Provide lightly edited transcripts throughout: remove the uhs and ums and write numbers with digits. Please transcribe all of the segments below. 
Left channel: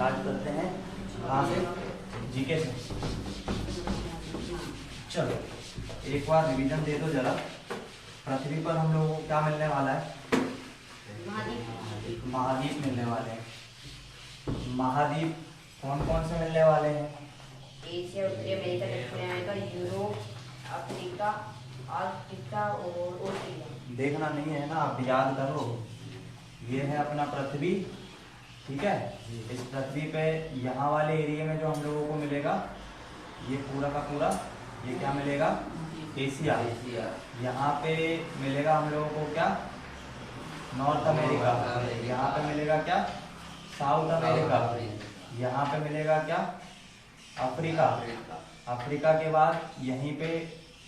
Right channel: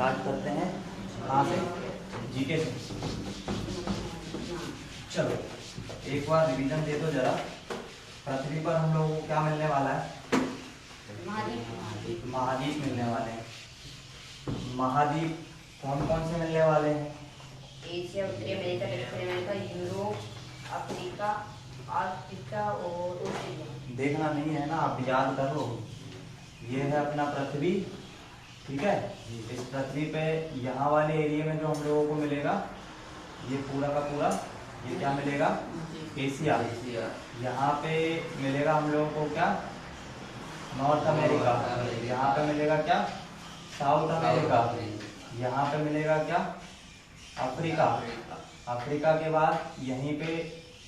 Start करते हैं कहाँ से, जीके से। चलो एक बार रिवीजन दे दो जरा। पृथ्वी पर हम लोगों को क्या मिलने वाला है? महाद्वीप मिलने वाले हैं। महाद्वीप कौन कौन से मिलने वाले हैं? एशिया, उत्तरी अमेरिका, दक्षिण अमेरिका, यूरोप, अफ्रीका, आर्कटिका और ऑस्ट्रेलिया। देखना नहीं है ना, आप याद करो। ये है अपना पृथ्वी, ठीक है। इस पृथ्वी पे यहाँ वाले एरिया में जो हम लोगों को मिलेगा, ये पूरा का पूरा, ये क्या मिलेगा? एशिया। यहाँ पे मिलेगा हम लोगों को क्या? North America. यहाँ पे मिलेगा क्या? South America. यहाँ पे मिलेगा क्या? अफ्रीका। अफ्रीका के बाद यहीं पे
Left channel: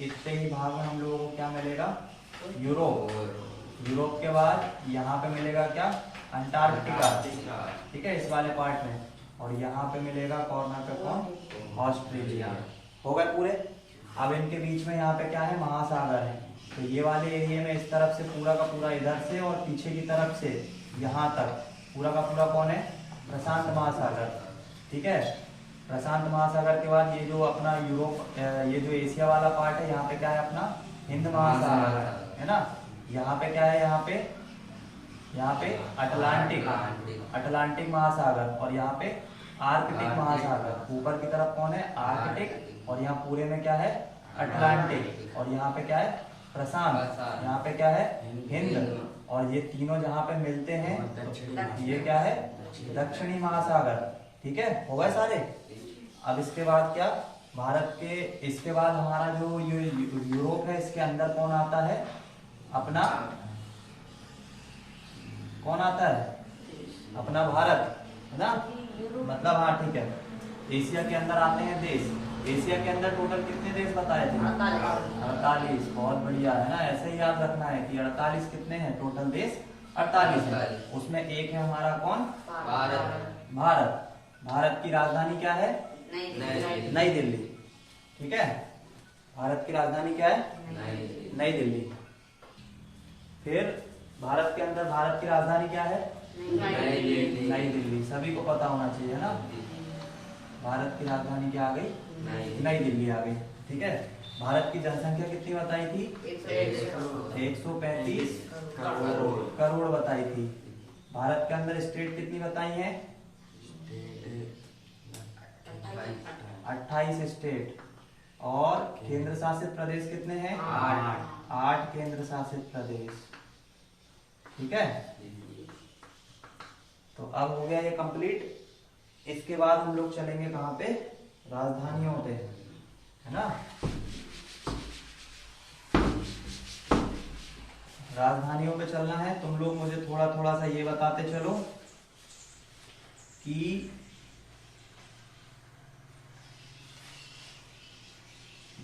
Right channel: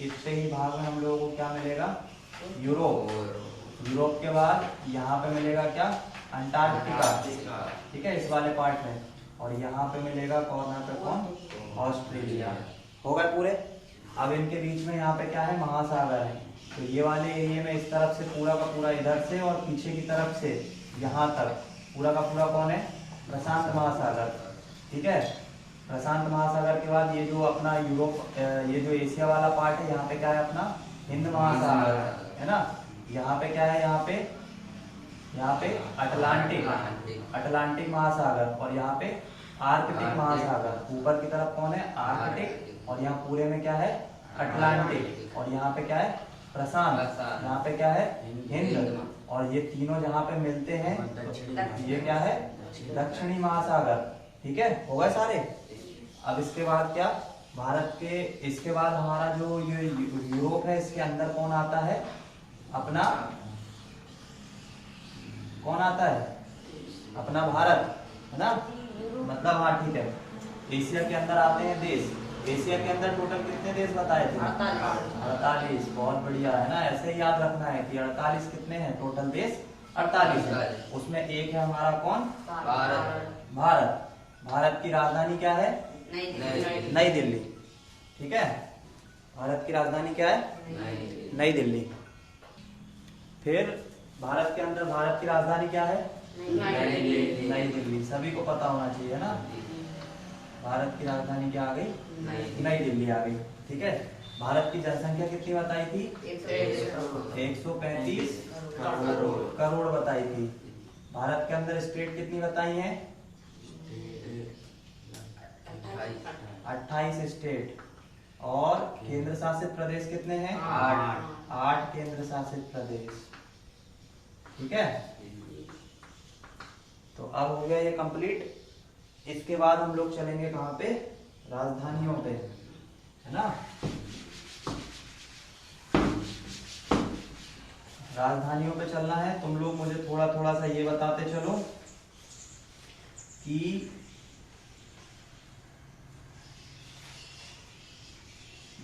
इतने ही भाग में हम लोगों को क्या मिलेगा? यूरोप। यूरोप के बाद यहाँ पे मिलेगा क्या? अंटार्कटिका, ठीक है, इस वाले पार्ट में। और यहाँ पे मिलेगा कॉर्नर पे कौन? ऑस्ट्रेलिया। हो गए पूरे। अब इनके बीच में यहाँ पे क्या है? महासागर है। तो ये वाले एरिया में इस तरफ से पूरा का पूरा, इधर से और पीछे की तरफ से यहाँ तक पूरा का पूरा कौन है? प्रशांत महासागर, ठीक है। प्रशांत महासागर के बाद ये जो अपना यूरोप, ये जो एशिया वाला पार्ट है, यहाँ पे क्या है अपना? हिंद महासागर है ना। यहाँ पे क्या है? यहाँ पे अटलांटिक महासागर। और यहाँ पे आर्कटिक महासागर। ऊपर की तरफ कौन है? आर्कटिक। और यहाँ पूरे में क्या है? अटलांटिक। और यहाँ पे क्या है? प्रशांत। यहाँ पे क्या है? हिंद। और ये तीनों जहाँ पे मिलते हैं, ये क्या है? दक्षिणी महासागर, ठीक है। हो गए सारे। अब इसके बाद क्या? भारत के, इसके बाद हमारा जो ये यूरोप है, इसके अंदर कौन आता है? अपना कौन आता है? अपना भारत, है ना। मतलब हाँ, ठीक है। एशिया के अंदर आते हैं देश। एशिया के अंदर टोटल कितने देश बताए थे? 48। बहुत बढ़िया, है ना। ऐसे ही याद रखना है कि 48 कितने हैं टोटल देश? 48 है। उसमें एक है हमारा कौन? भारत। भारत की राजधानी क्या है? नई दिल्ली, ठीक है। भारत की राजधानी क्या है? नई दिल्ली। फिर भारत के अंदर भारत की राजधानी क्या है? नई दिल्ली। सभी को पता होना चाहिए ना। भारत की राजधानी क्या आ गई? नई दिल्ली आ गई, ठीक है। भारत की जनसंख्या कितनी बताई थी? 135 करोड़ बताई थी। भारत के अंदर स्टेट कितनी बताई हैं? 28 स्टेट। और केंद्र शासित प्रदेश कितने हैं? 8 केंद्र शासित प्रदेश, ठीक है। तो अब हो गया ये कंप्लीट। इसके बाद हम लोग चलेंगे कहाँ पे? राजधानियों पे, है ना। राजधानियों पे चलना है। तुम लोग मुझे थोड़ा थोड़ा सा ये बताते चलो कि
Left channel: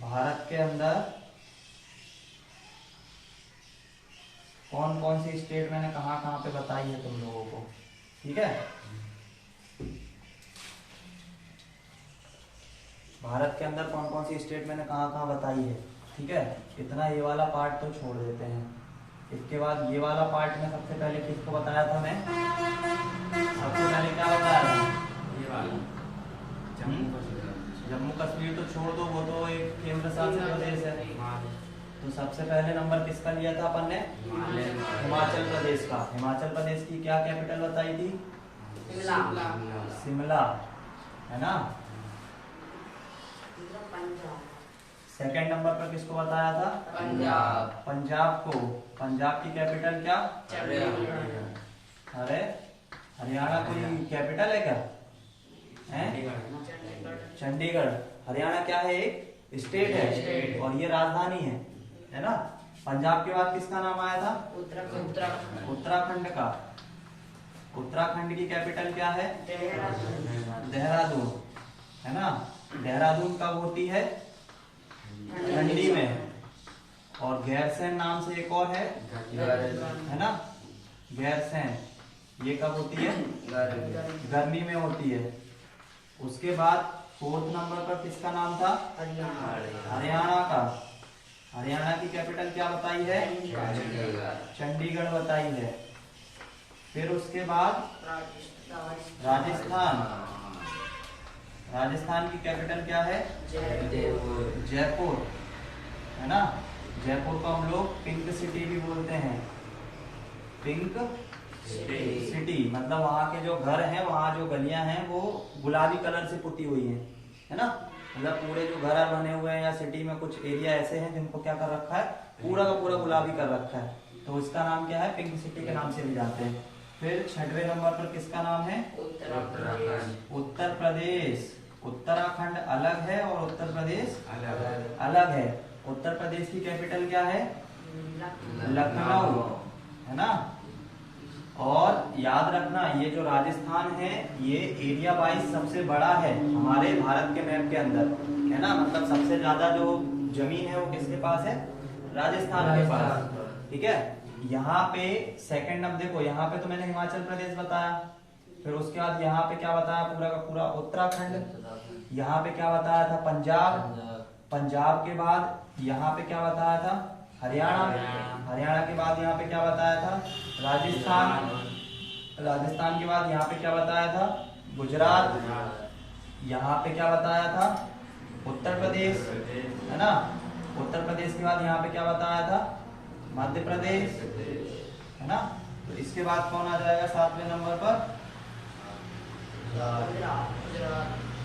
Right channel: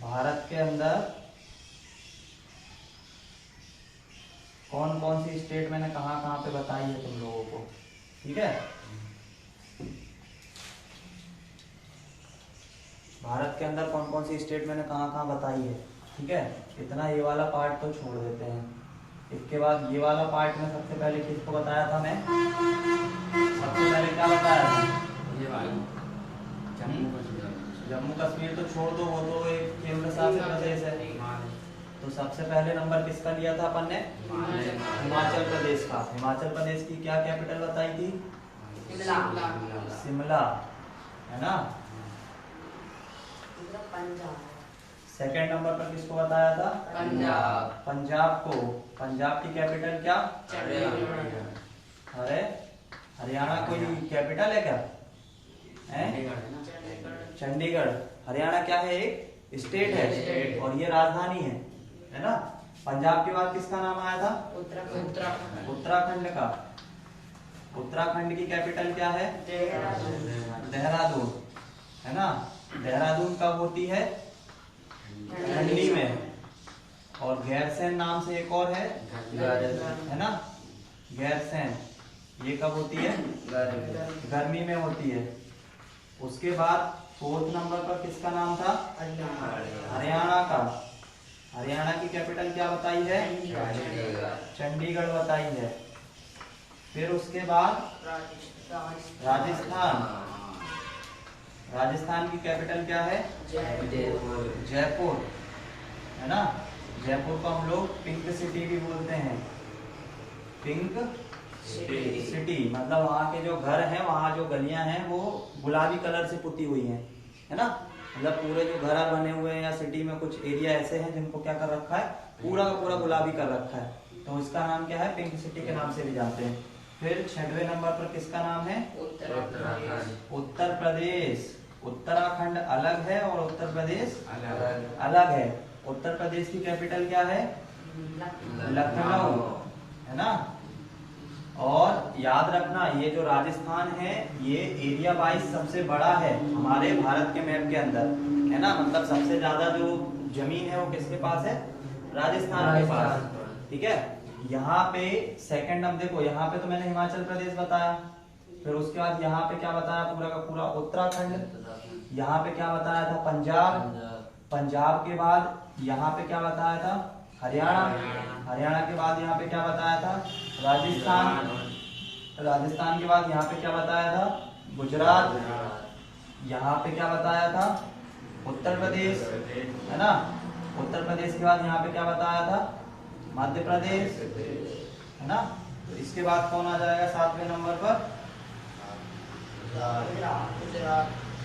भारत के अंदर कौन कौन सी स्टेट मैंने कहाँ कहाँ पे बताई है तुम लोगों को, ठीक है। भारत के अंदर कौन कौन सी स्टेट मैंने कहाँ कहाँ बताई है, ठीक है। इतना ये वाला पार्ट तो छोड़ देते हैं। इसके बाद ये वाला पार्ट में सबसे पहले किसको बताया था मैं? सबसे पहले क्या बताया था? जम्मू कश्मीर तो छोड़ दो, वो तो एक केंद्र शासित प्रदेश है। तो सबसे पहले नंबर किसका लिया था अपन ने? हिमाचल प्रदेश का। हिमाचल प्रदेश की क्या कैपिटल बताई थी? शिमला, है ना। सेकंड नंबर पर किसको बताया था? पंजाब को। पंजाब की कैपिटल क्या? अरे हरियाणा कोई कैपिटल है क्या? चंडीगढ़। हरियाणा क्या है? एक स्टेट है और ये राजधानी है ना। पंजाब के बाद किसका नाम आया था? उत्तराखंड का। उत्तराखंड की कैपिटल क्या है? देहरादून, है ना। देहरादून कब होती है? ठंडी में। और गैरसैंण नाम से एक और है ना। गैरसैंण ये कब होती है? गर्मी में होती है। उसके बाद फोर्थ नंबर पर किसका नाम था? हरियाणा का। हरियाणा की कैपिटल क्या बताई है? चंडीगढ़ बताई है। फिर उसके बाद राजस्थान। राजस्थान की कैपिटल क्या है? जयपुर, है ना। जयपुर को हम लोग पिंक सिटी भी बोलते हैं। पिंक सिटी मतलब वहाँ के जो घर हैं, वहाँ जो गलियां हैं वो गुलाबी कलर से पुती हुई हैं, है ना। मतलब पूरे जो घर बने हुए हैं या सिटी में कुछ एरिया ऐसे हैं जिनको क्या कर रखा है, पूरा का पूरा गुलाबी कर रखा है, तो इसका नाम क्या है? पिंक सिटी के नाम से भी जानते हैं। फिर 6वें नंबर पर किसका नाम है? उत्तर प्रदेश। उत्तराखंड अलग है और उत्तर प्रदेश अलग है। उत्तर प्रदेश की कैपिटल क्या है? लखनऊ, है ना। और याद रखना ये जो राजस्थान है ये एरिया वाइज सबसे बड़ा है हमारे भारत के मैप के अंदर, है ना। मतलब सबसे ज्यादा जो जमीन है वो किसके पास है? राजस्थान के पास, ठीक है। यहाँ पे सेकंड अब देखो, यहाँ पे तो मैंने हिमाचल प्रदेश बताया, फिर उसके बाद यहाँ पे क्या बताया? पूरा का पूरा उत्तराखंड। यहाँ पे क्या बताया था? पंजाब। पंजाब के बाद यहाँ पे क्या बताया था? हरियाणा। हरियाणा के बाद यहाँ पे क्या बताया था? राजस्थान। राजस्थान के बाद यहाँ पे क्या बताया था? गुजरात। यहाँ पे क्या बताया था? उत्तर प्रदेश, है ना। उत्तर प्रदेश के बाद यहाँ पे क्या बताया था? मध्य प्रदेश, है ना। तो इसके बाद कौन आ जाएगा 7वें नंबर पर?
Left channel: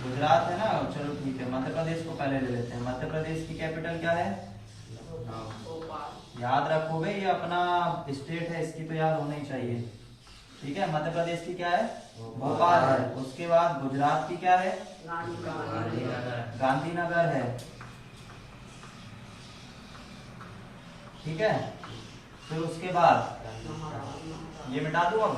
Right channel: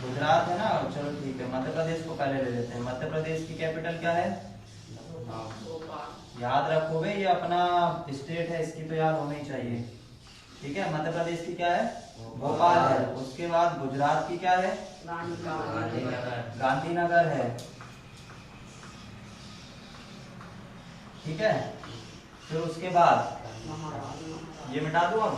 गुजरात, है ना। चलो ठीक है, मध्य प्रदेश को पहले ले लेते हैं। मध्य प्रदेश की कैपिटल क्या है? याद रखो भाई, ये अपना स्टेट है, इसकी तो याद होनी चाहिए, ठीक है। मध्य प्रदेश की क्या है? भोपाल है। उसके बाद गुजरात की क्या है? गांधीनगर है, ठीक है। फिर उसके बाद ये मिटा दो अब।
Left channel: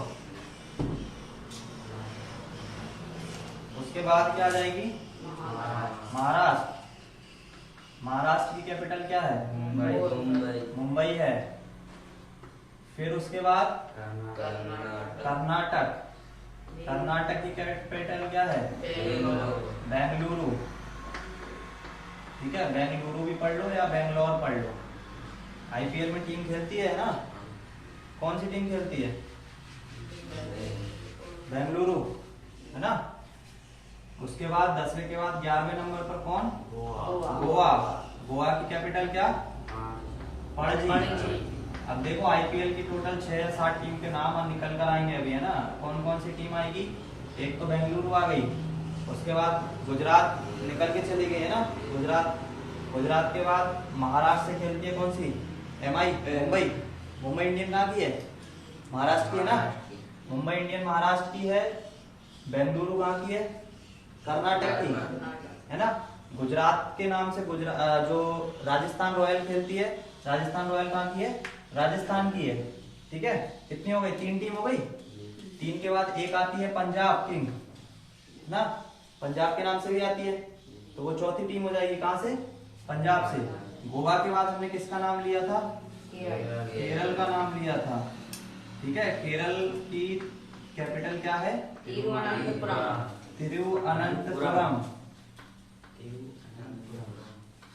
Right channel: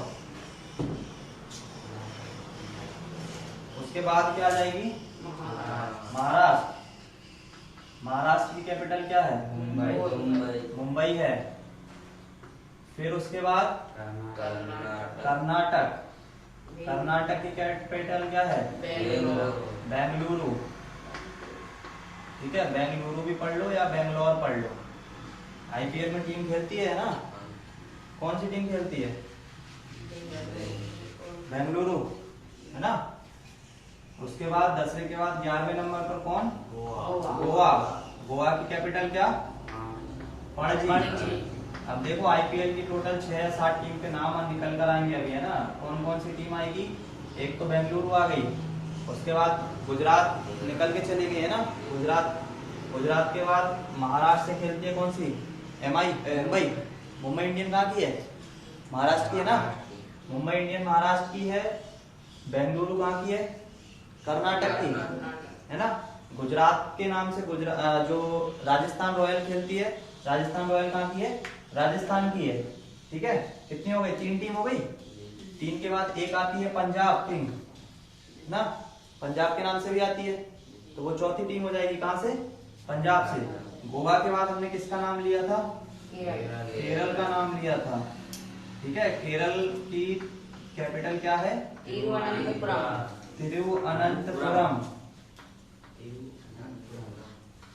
उसके बाद क्या आ जाएगी? महाराष्ट्र। महाराष्ट्र की कैपिटल क्या है? मुंबई है। फिर उसके बाद कर्नाटक। कर्नाटक की कैपिटल क्या है? बेंगलुरु, ठीक है। बेंगलुरु भी पढ़ लो या बेंगलोर पढ़ लो। आईपीएल में टीम खेलती है ना, कौन सी टीम खेलती है? बेंगलुरु, है ना। उसके बाद 10वें के बाद 11वें नंबर पर कौन? गोवा। गोवा की कैपिटल क्या? पणजी। अब देखो आईपीएल की टोटल 6 या 7 टीम के नाम निकल कर आएंगे अभी, है ना। कौन कौन सी टीम आएगी? एक तो बेंगलुरु आ गई, उसके बाद गुजरात निकल के चली गई, है ना। गुजरात। गुजरात के बाद महाराष्ट्र से खेलती है कौन सी? मुंबई। मुंबई इंडियन कहाँ की है? महाराष्ट्र की है ना। मुंबई इंडियन महाराष्ट्र की है। बेंगलुरु कहाँ की है? कर्नाटक की, है ना। गुजरात के नाम से जो राजस्थान रॉयल खेलती है, राजस्थान रॉयल कहाँ की है? राजस्थान की है, ठीक है। कितनी हो गई? 3 टीम हो गई। 3 के बाद एक आती है पंजाब किंग ना, पंजाब के नाम से भी आती है, तो वो चौथी टीम हो जाएगी। कहाँ से? पंजाब से। गोवा के बाद हमने किसका नाम लिया था? केरल का नाम लिया था, ठीक है। केरल की कैपिटल क्या है? तिरुवनंतपुरम,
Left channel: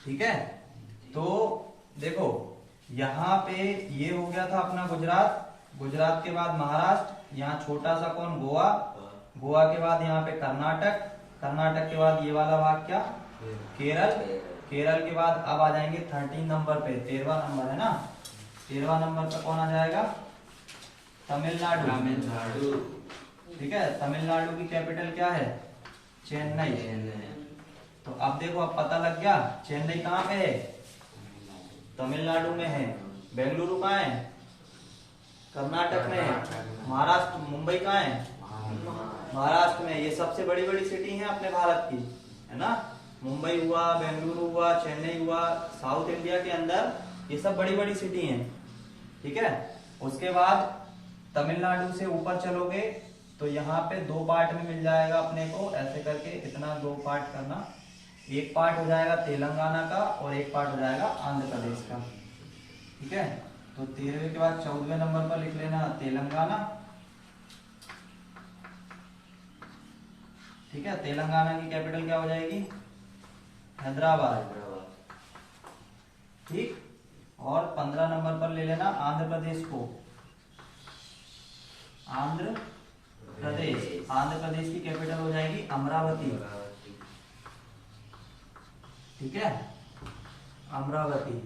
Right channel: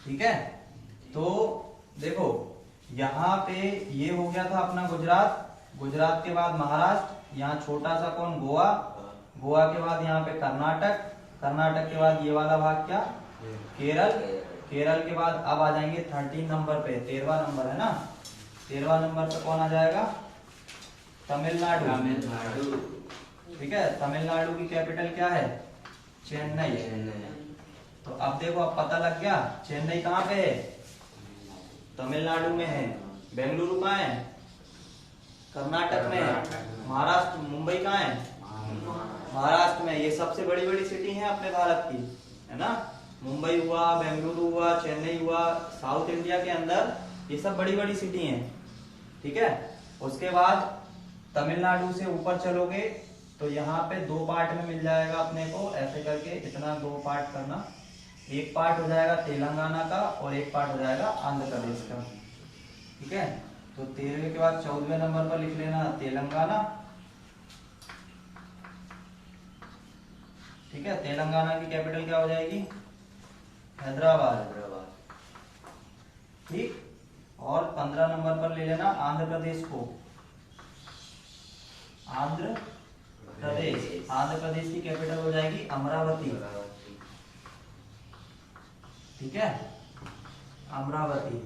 ठीक है। तो देखो यहाँ पे ये हो गया था अपना गुजरात। गुजरात के बाद महाराष्ट्र, यहाँ छोटा सा कौन? गोवा। गोवा के बाद यहाँ पे कर्नाटक। कर्नाटक के बाद ये वाला भाग क्या? केरल। केरल के बाद अब आ जाएंगे 13 नंबर पे, 13वां नंबर है ना। 13वां नंबर पे कौन आ जाएगा? तमिलनाडु, ठीक है। तमिलनाडु की कैपिटल क्या है? चेन्नई। तो अब देखो, अब पता लग गया चेन्नई कहाँ पे है? तमिलनाडु में है। बेंगलुरु कहाँ है? कर्नाटक में है। महाराष्ट्र, मुंबई कहाँ है? महाराष्ट्र में। ये सबसे बड़ी बड़ी सिटी है अपने भारत की, है ना। मुंबई हुआ, बेंगलुरु हुआ, चेन्नई हुआ, साउथ इंडिया के अंदर ये सब बड़ी बड़ी सिटी हैं, ठीक है। उसके बाद तमिलनाडु से ऊपर चलोगे तो यहाँ पे 2 पार्ट में मिल जाएगा अपने को, ऐसे करके इतना 2 पार्ट करना। एक पार्ट हो जाएगा तेलंगाना का और एक पार्ट हो जाएगा आंध्र प्रदेश का, ठीक है। तो 13वें के बाद 14वें नंबर पर लिख लेना तेलंगाना, ठीक है। तेलंगाना की कैपिटल क्या हो जाएगी? हैदराबाद, ठीक। और 15 नंबर पर ले लेना आंध्र प्रदेश को, आंध्र प्रदेश। आंध्र प्रदेश की कैपिटल हो जाएगी अमरावती। ठीक है, अमरावती।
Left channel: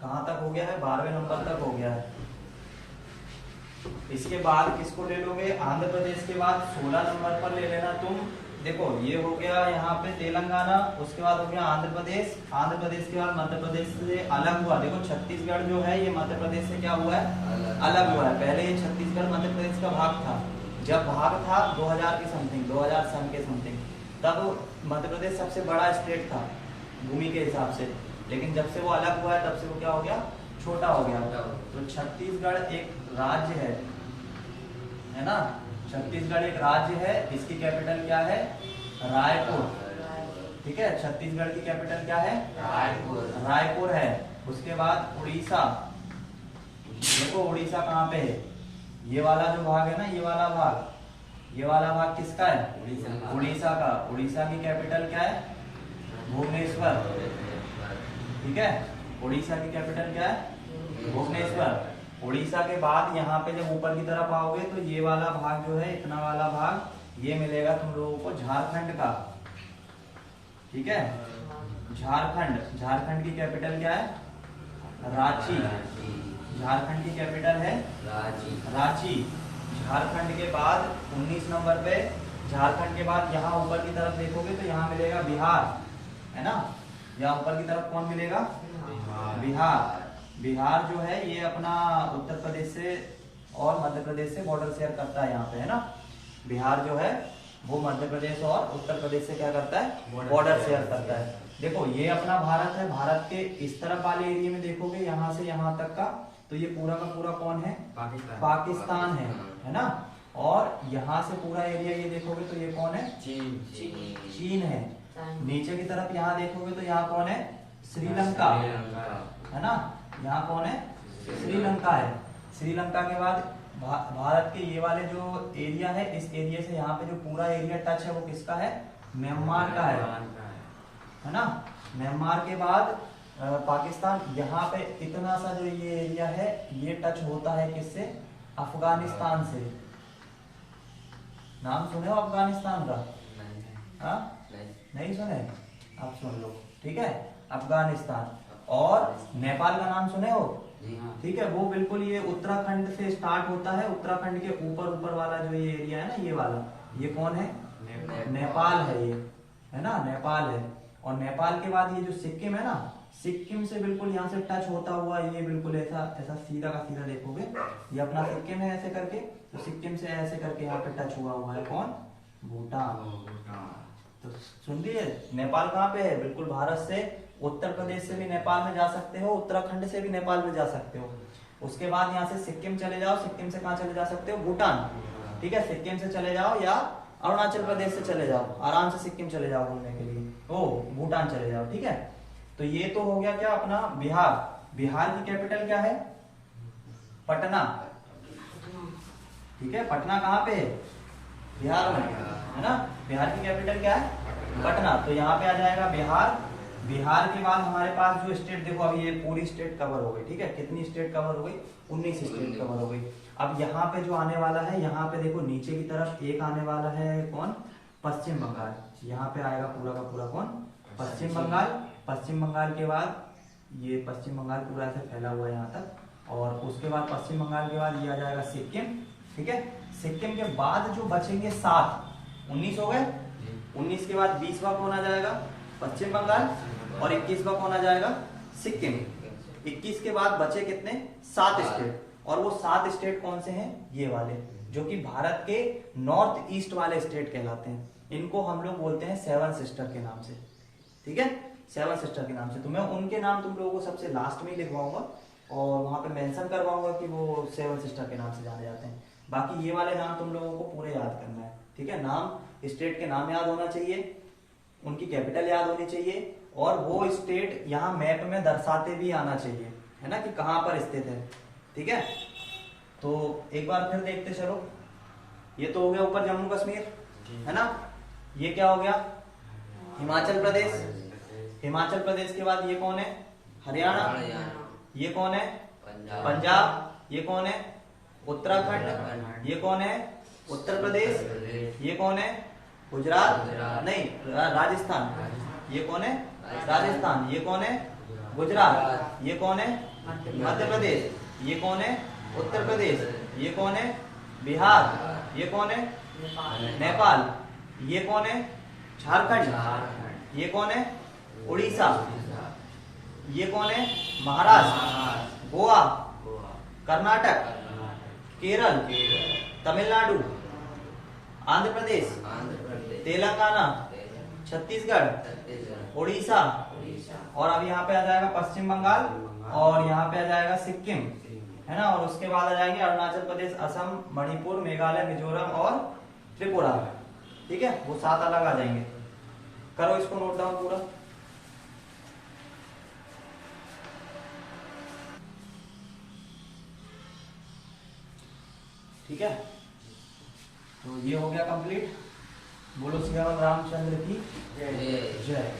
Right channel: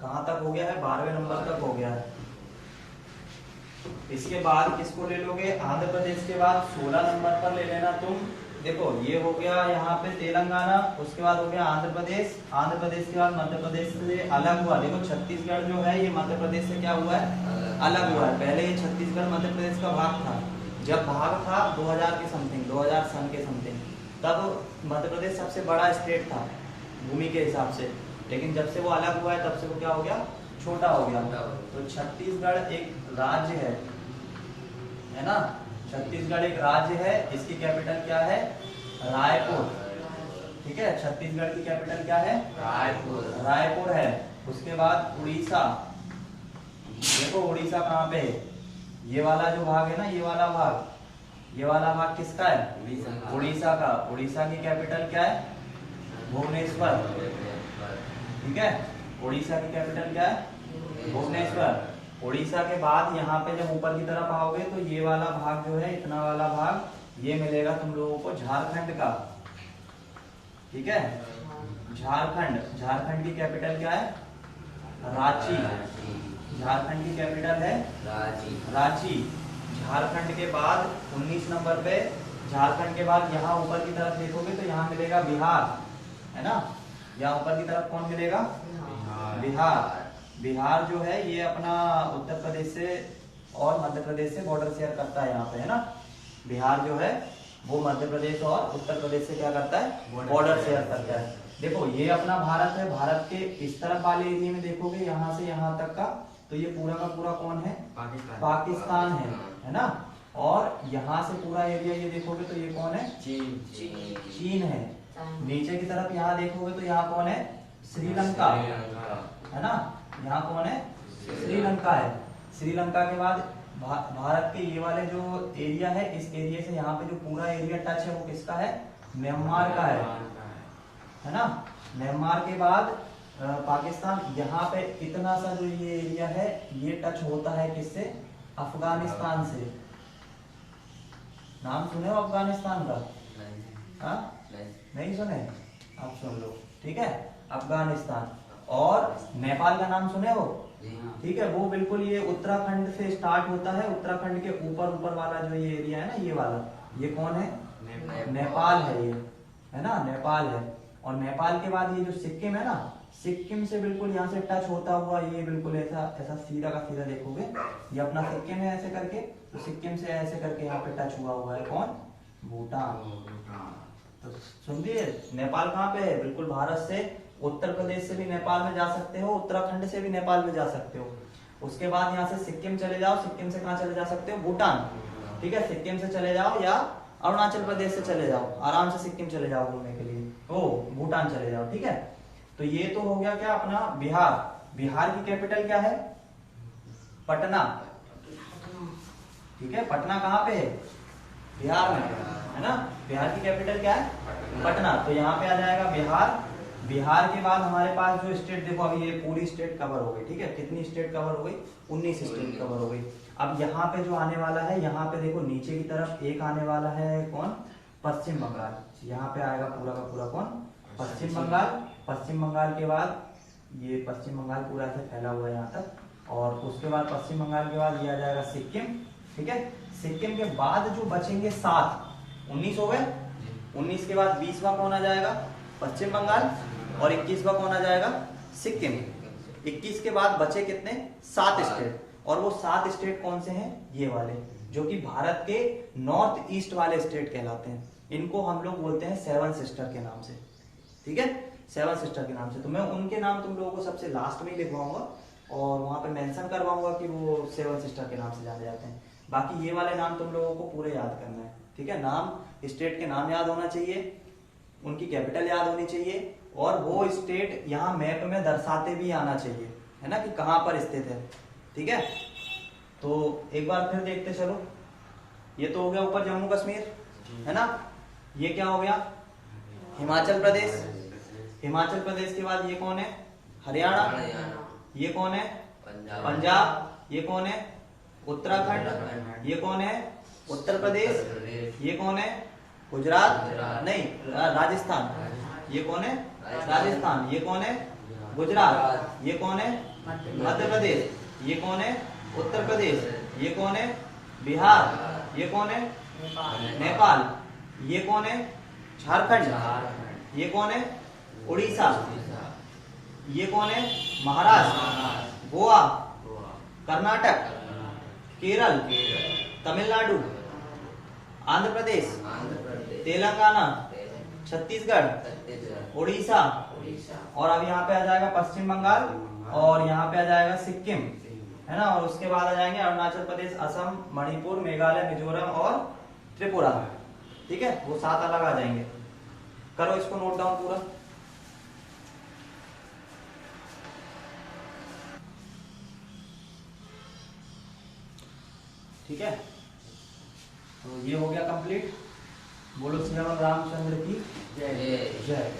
कहाँ तक हो गया है? 12वें नंबर तक हो गया है। इसके बाद किसको ले लोगे? आंध्र प्रदेश के बाद 16 नंबर पर ले लेना तुम। देखो ये हो गया यहाँ पे तेलंगाना, उसके बाद हो गया आंध्र प्रदेश। आंध्र प्रदेश के बाद मध्य प्रदेश से अलग हुआ। देखो छत्तीसगढ़ जो है ये मध्य प्रदेश से क्या हुआ है? अलग हुआ है। पहले ये छत्तीसगढ़ मध्य प्रदेश का भाग था। जब भाग था 2000 के समथिंग, 2000 सन के समथिंग, तब मध्य प्रदेश सबसे बड़ा स्टेट था भूमि के हिसाब से। लेकिन जब से वो अलग हुआ है तब से वो क्या हो गया? छोटा हो गया। तो छत्तीसगढ़ एक राज्य है ना? छत्तीसगढ़ एक राज्य है। इसकी कैपिटल क्या है? रायपुर। ठीक है, छत्तीसगढ़ की कैपिटल क्या है? रायपुर। रायपुर है। उसके बाद उड़ीसा। देखो उड़ीसा कहाँ पे है? ये वाला जो भाग है ना, ये वाला भाग, ये वाला भाग किसका है? उड़ीसा का। उड़ीसा की कैपिटल क्या है? भुवनेश्वर। ठीक है, उड़ीसा की कैपिटल क्या है? भुवनेश्वर। उड़ीसा के बाद यहाँ पे जब ऊपर की तरफ आओगे तो ये वाला भाग जो है, इतना वाला भाग, ये मिलेगा तुम लोगों को झारखंड का। ठीक है, झारखंड। झारखंड की कैपिटल क्या है? रांची। झारखंड की कैपिटल है रांची। झारखंड के बाद 19 नंबर पे, झारखंड के बाद यहाँ ऊपर की तरफ देखोगे तो यहाँ मिलेगा बिहार, है ना? यहाँ ऊपर की तरफ कौन मिलेगा? बिहार। बिहार जो है ये अपना उत्तर प्रदेश से और मध्य प्रदेश से बॉर्डर शेयर करता है यहाँ पे, है ना? बिहार जो है वो मध्य प्रदेश और उत्तर प्रदेश से क्या करता है? बॉर्डर शेयर करता है। देखो ये अपना भारत है। भारत के इस तरफ वाले एरिया में देखोगे यहाँ से यहाँ तक का, तो ये पूरा का पूरा कौन है? पाकिस्तान है ना? और यहाँ से पूरा एरिया ये देखोगे तो ये कौन है? चीन है। नीचे की तरफ यहाँ देखोगे तो यहाँ कौन है? श्रीलंका, है ना? यहाँ कौन है? श्रीलंका है। श्रीलंका के बाद भारत के ये वाले जो एरिया है, इस एरिया से यहाँ पे जो पूरा एरिया टच है वो किसका है? म्यांमार का है ना? म्यांमार के बाद पाकिस्तान। यहाँ पे इतना सा जो ये एरिया है ये टच होता है किससे? अफगानिस्तान से। नाम सुने हो अफगानिस्तान का? हाँ, नहीं सुने? आप सुन लो। ठीक है, अफगानिस्तान। और नेपाल का नाम सुने हो? ठीक है, वो बिल्कुल ये उत्तराखंड से स्टार्ट होता है। उत्तराखंड के ऊपर ऊपर वाला जो ये एरिया है ना, ये वाला, ये कौन है? नेपाल है ये, है ना? नेपाल है। और नेपाल के बाद ये जो सिक्किम है ना, सिक्किम से बिल्कुल यहाँ से टच होता हुआ ये बिल्कुल ऐसा ऐसा सीधा का सीधा देखोगे, ये अपना सिक्किम है ऐसे करके, तो सिक्किम से ऐसे करके यहाँ पे टच हुआ है कौन? भूटान। तो सुन लीजिए, नेपाल कहाँ पे है? बिल्कुल भारत से, उत्तर प्रदेश से भी नेपाल में जा सकते हो, उत्तराखंड से भी नेपाल में जा सकते हो। उसके बाद यहाँ से सिक्किम चले जाओ। सिक्किम से कहाँ चले जा सकते हो? भूटान। ठीक है, सिक्किम से चले जाओ या अरुणाचल प्रदेश से चले जाओ, आराम से सिक्किम चले जाओ घूमने के लिए। ओ भूटान चले जाओ। ठीक है, तो ये तो हो गया क्या अपना बिहार। बिहार की कैपिटल क्या है? पटना। ठीक है, पटना कहाँ पे है? बिहार में, है ना? बिहार की कैपिटल क्या है? पटना। तो यहाँ पे आ जाएगा बिहार। बिहार के बाद हमारे पास जो स्टेट, देखो अभी ये पूरी स्टेट कवर हो गई। ठीक है, कितनी स्टेट कवर हो गई? 19 स्टेट कवर हो गई। अब यहाँ पे जो आने वाला है, यहाँ पे देखो नीचे की तरफ एक आने वाला है कौन? पश्चिम बंगाल। यहाँ पे आएगा पूरा का पूरा कौन? पश्चिम बंगाल। पश्चिम बंगाल के बाद ये पश्चिम बंगाल पूरा से फैला हुआ है यहाँ तक। और उसके बाद पश्चिम बंगाल के बाद ये आ जाएगा सिक्किम। ठीक है, सिक्किम के बाद जो बचेंगे 7, 19 हो गए। 19 के बाद 20वां कौन आ जाएगा? पश्चिम बंगाल। और 21वां कौन आ जाएगा? सिक्किम। 21 के बाद बचे कितने? 7 स्टेट। और वो 7 स्टेट कौन से हैं? ये वाले, जो कि भारत के नॉर्थ ईस्ट वाले स्टेट कहलाते हैं। इनको हम लोग बोलते हैं 7 सिस्टर के नाम से। ठीक है, 7 सिस्टर के नाम से। तो मैं उनके नाम तुम लोगों को सबसे लास्ट में ही लिखवाऊंगा और वहां पे मेंशन करवाऊंगा कि वो 7 सिस्टर के नाम से जाने जाते हैं। बाकी ये वाले नाम तुम लोगों को पूरे याद करना है। ठीक है, नाम, स्टेट के नाम याद होना चाहिए, उनकी कैपिटल याद होनी चाहिए, और वो स्टेट यहाँ मैप में दर्शाते भी आना चाहिए, है ना, कि कहाँ पर स्थित है। ठीक है, तो एक बार फिर देखते चलो। ये तो हो गया ऊपर जम्मू कश्मीर, है ना? ये क्या हो गया? हिमाचल प्रदेश। हिमाचल प्रदेश के बाद ये कौन है? हरियाणा। ये कौन है? पंजाब। ये कौन है? उत्तराखंड। ये कौन है? उत्तर प्रदेश। ये कौन है? गुजरात नहीं, राजस्थान। ये कौन है? राजस्थान। ये कौन है? गुजरात। ये कौन है? मध्य प्रदेश। ये कौन है? उत्तर प्रदेश। ये कौन है? बिहार। ये कौन है? नेपाल। ये कौन है? झारखंड। ये कौन है? उड़ीसा। ये कौन है? महाराष्ट्र। गोवा। कर्नाटक। केरल। तमिलनाडु। आंध्र प्रदेश। तेलंगाना। छत्तीसगढ़। उड़ीसा। और अब यहाँ पे आ जाएगा पश्चिम बंगाल, और यहाँ पे आ जाएगा सिक्किम, है ना। और उसके बाद आ जाएंगे अरुणाचल प्रदेश, असम, मणिपुर, मेघालय, मिजोरम और त्रिपुरा। ठीक है, वो 7 अलग आ जाएंगे। करो इसको नोट डाउन पूरा। ठीक है, तो ये हो गया कंप्लीट। बोलो सियावर रामचंद्र की जय जय।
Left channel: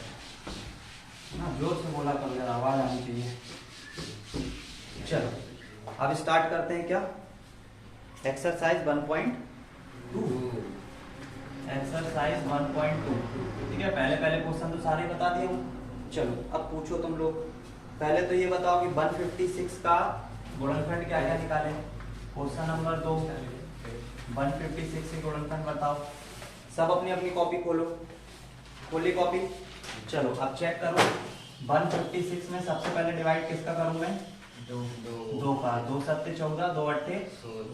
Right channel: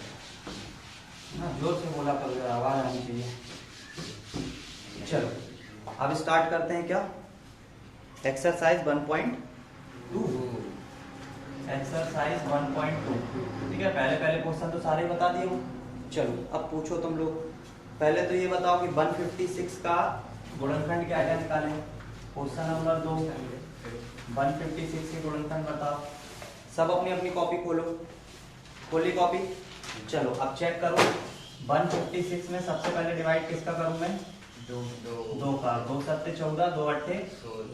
ना जोर से बोला कर, आवाज आनी चाहिए। चलो अब स्टार्ट करते हैं। क्या? एक्सरसाइज 1.2। एक्सरसाइज 1.2। ठीक है, पहले क्वेश्चन तो सारे बता दिए हूँ। चलो अब पूछो तुम लोग। पहले तो ये बताओ कि 156 का गुणनखंड क्या क्या निकालेंगे। क्वेश्चन नंबर 2, 156 के गुणनखंड बताओ। सब अपनी अपनी कॉपी खोलो। खोली कॉपी। चलो अब चेक करो। 156 में सबसे पहले डिवाइड किसका करूं मैं? दो का। 2 सत्ते 14, 2 अट्ठे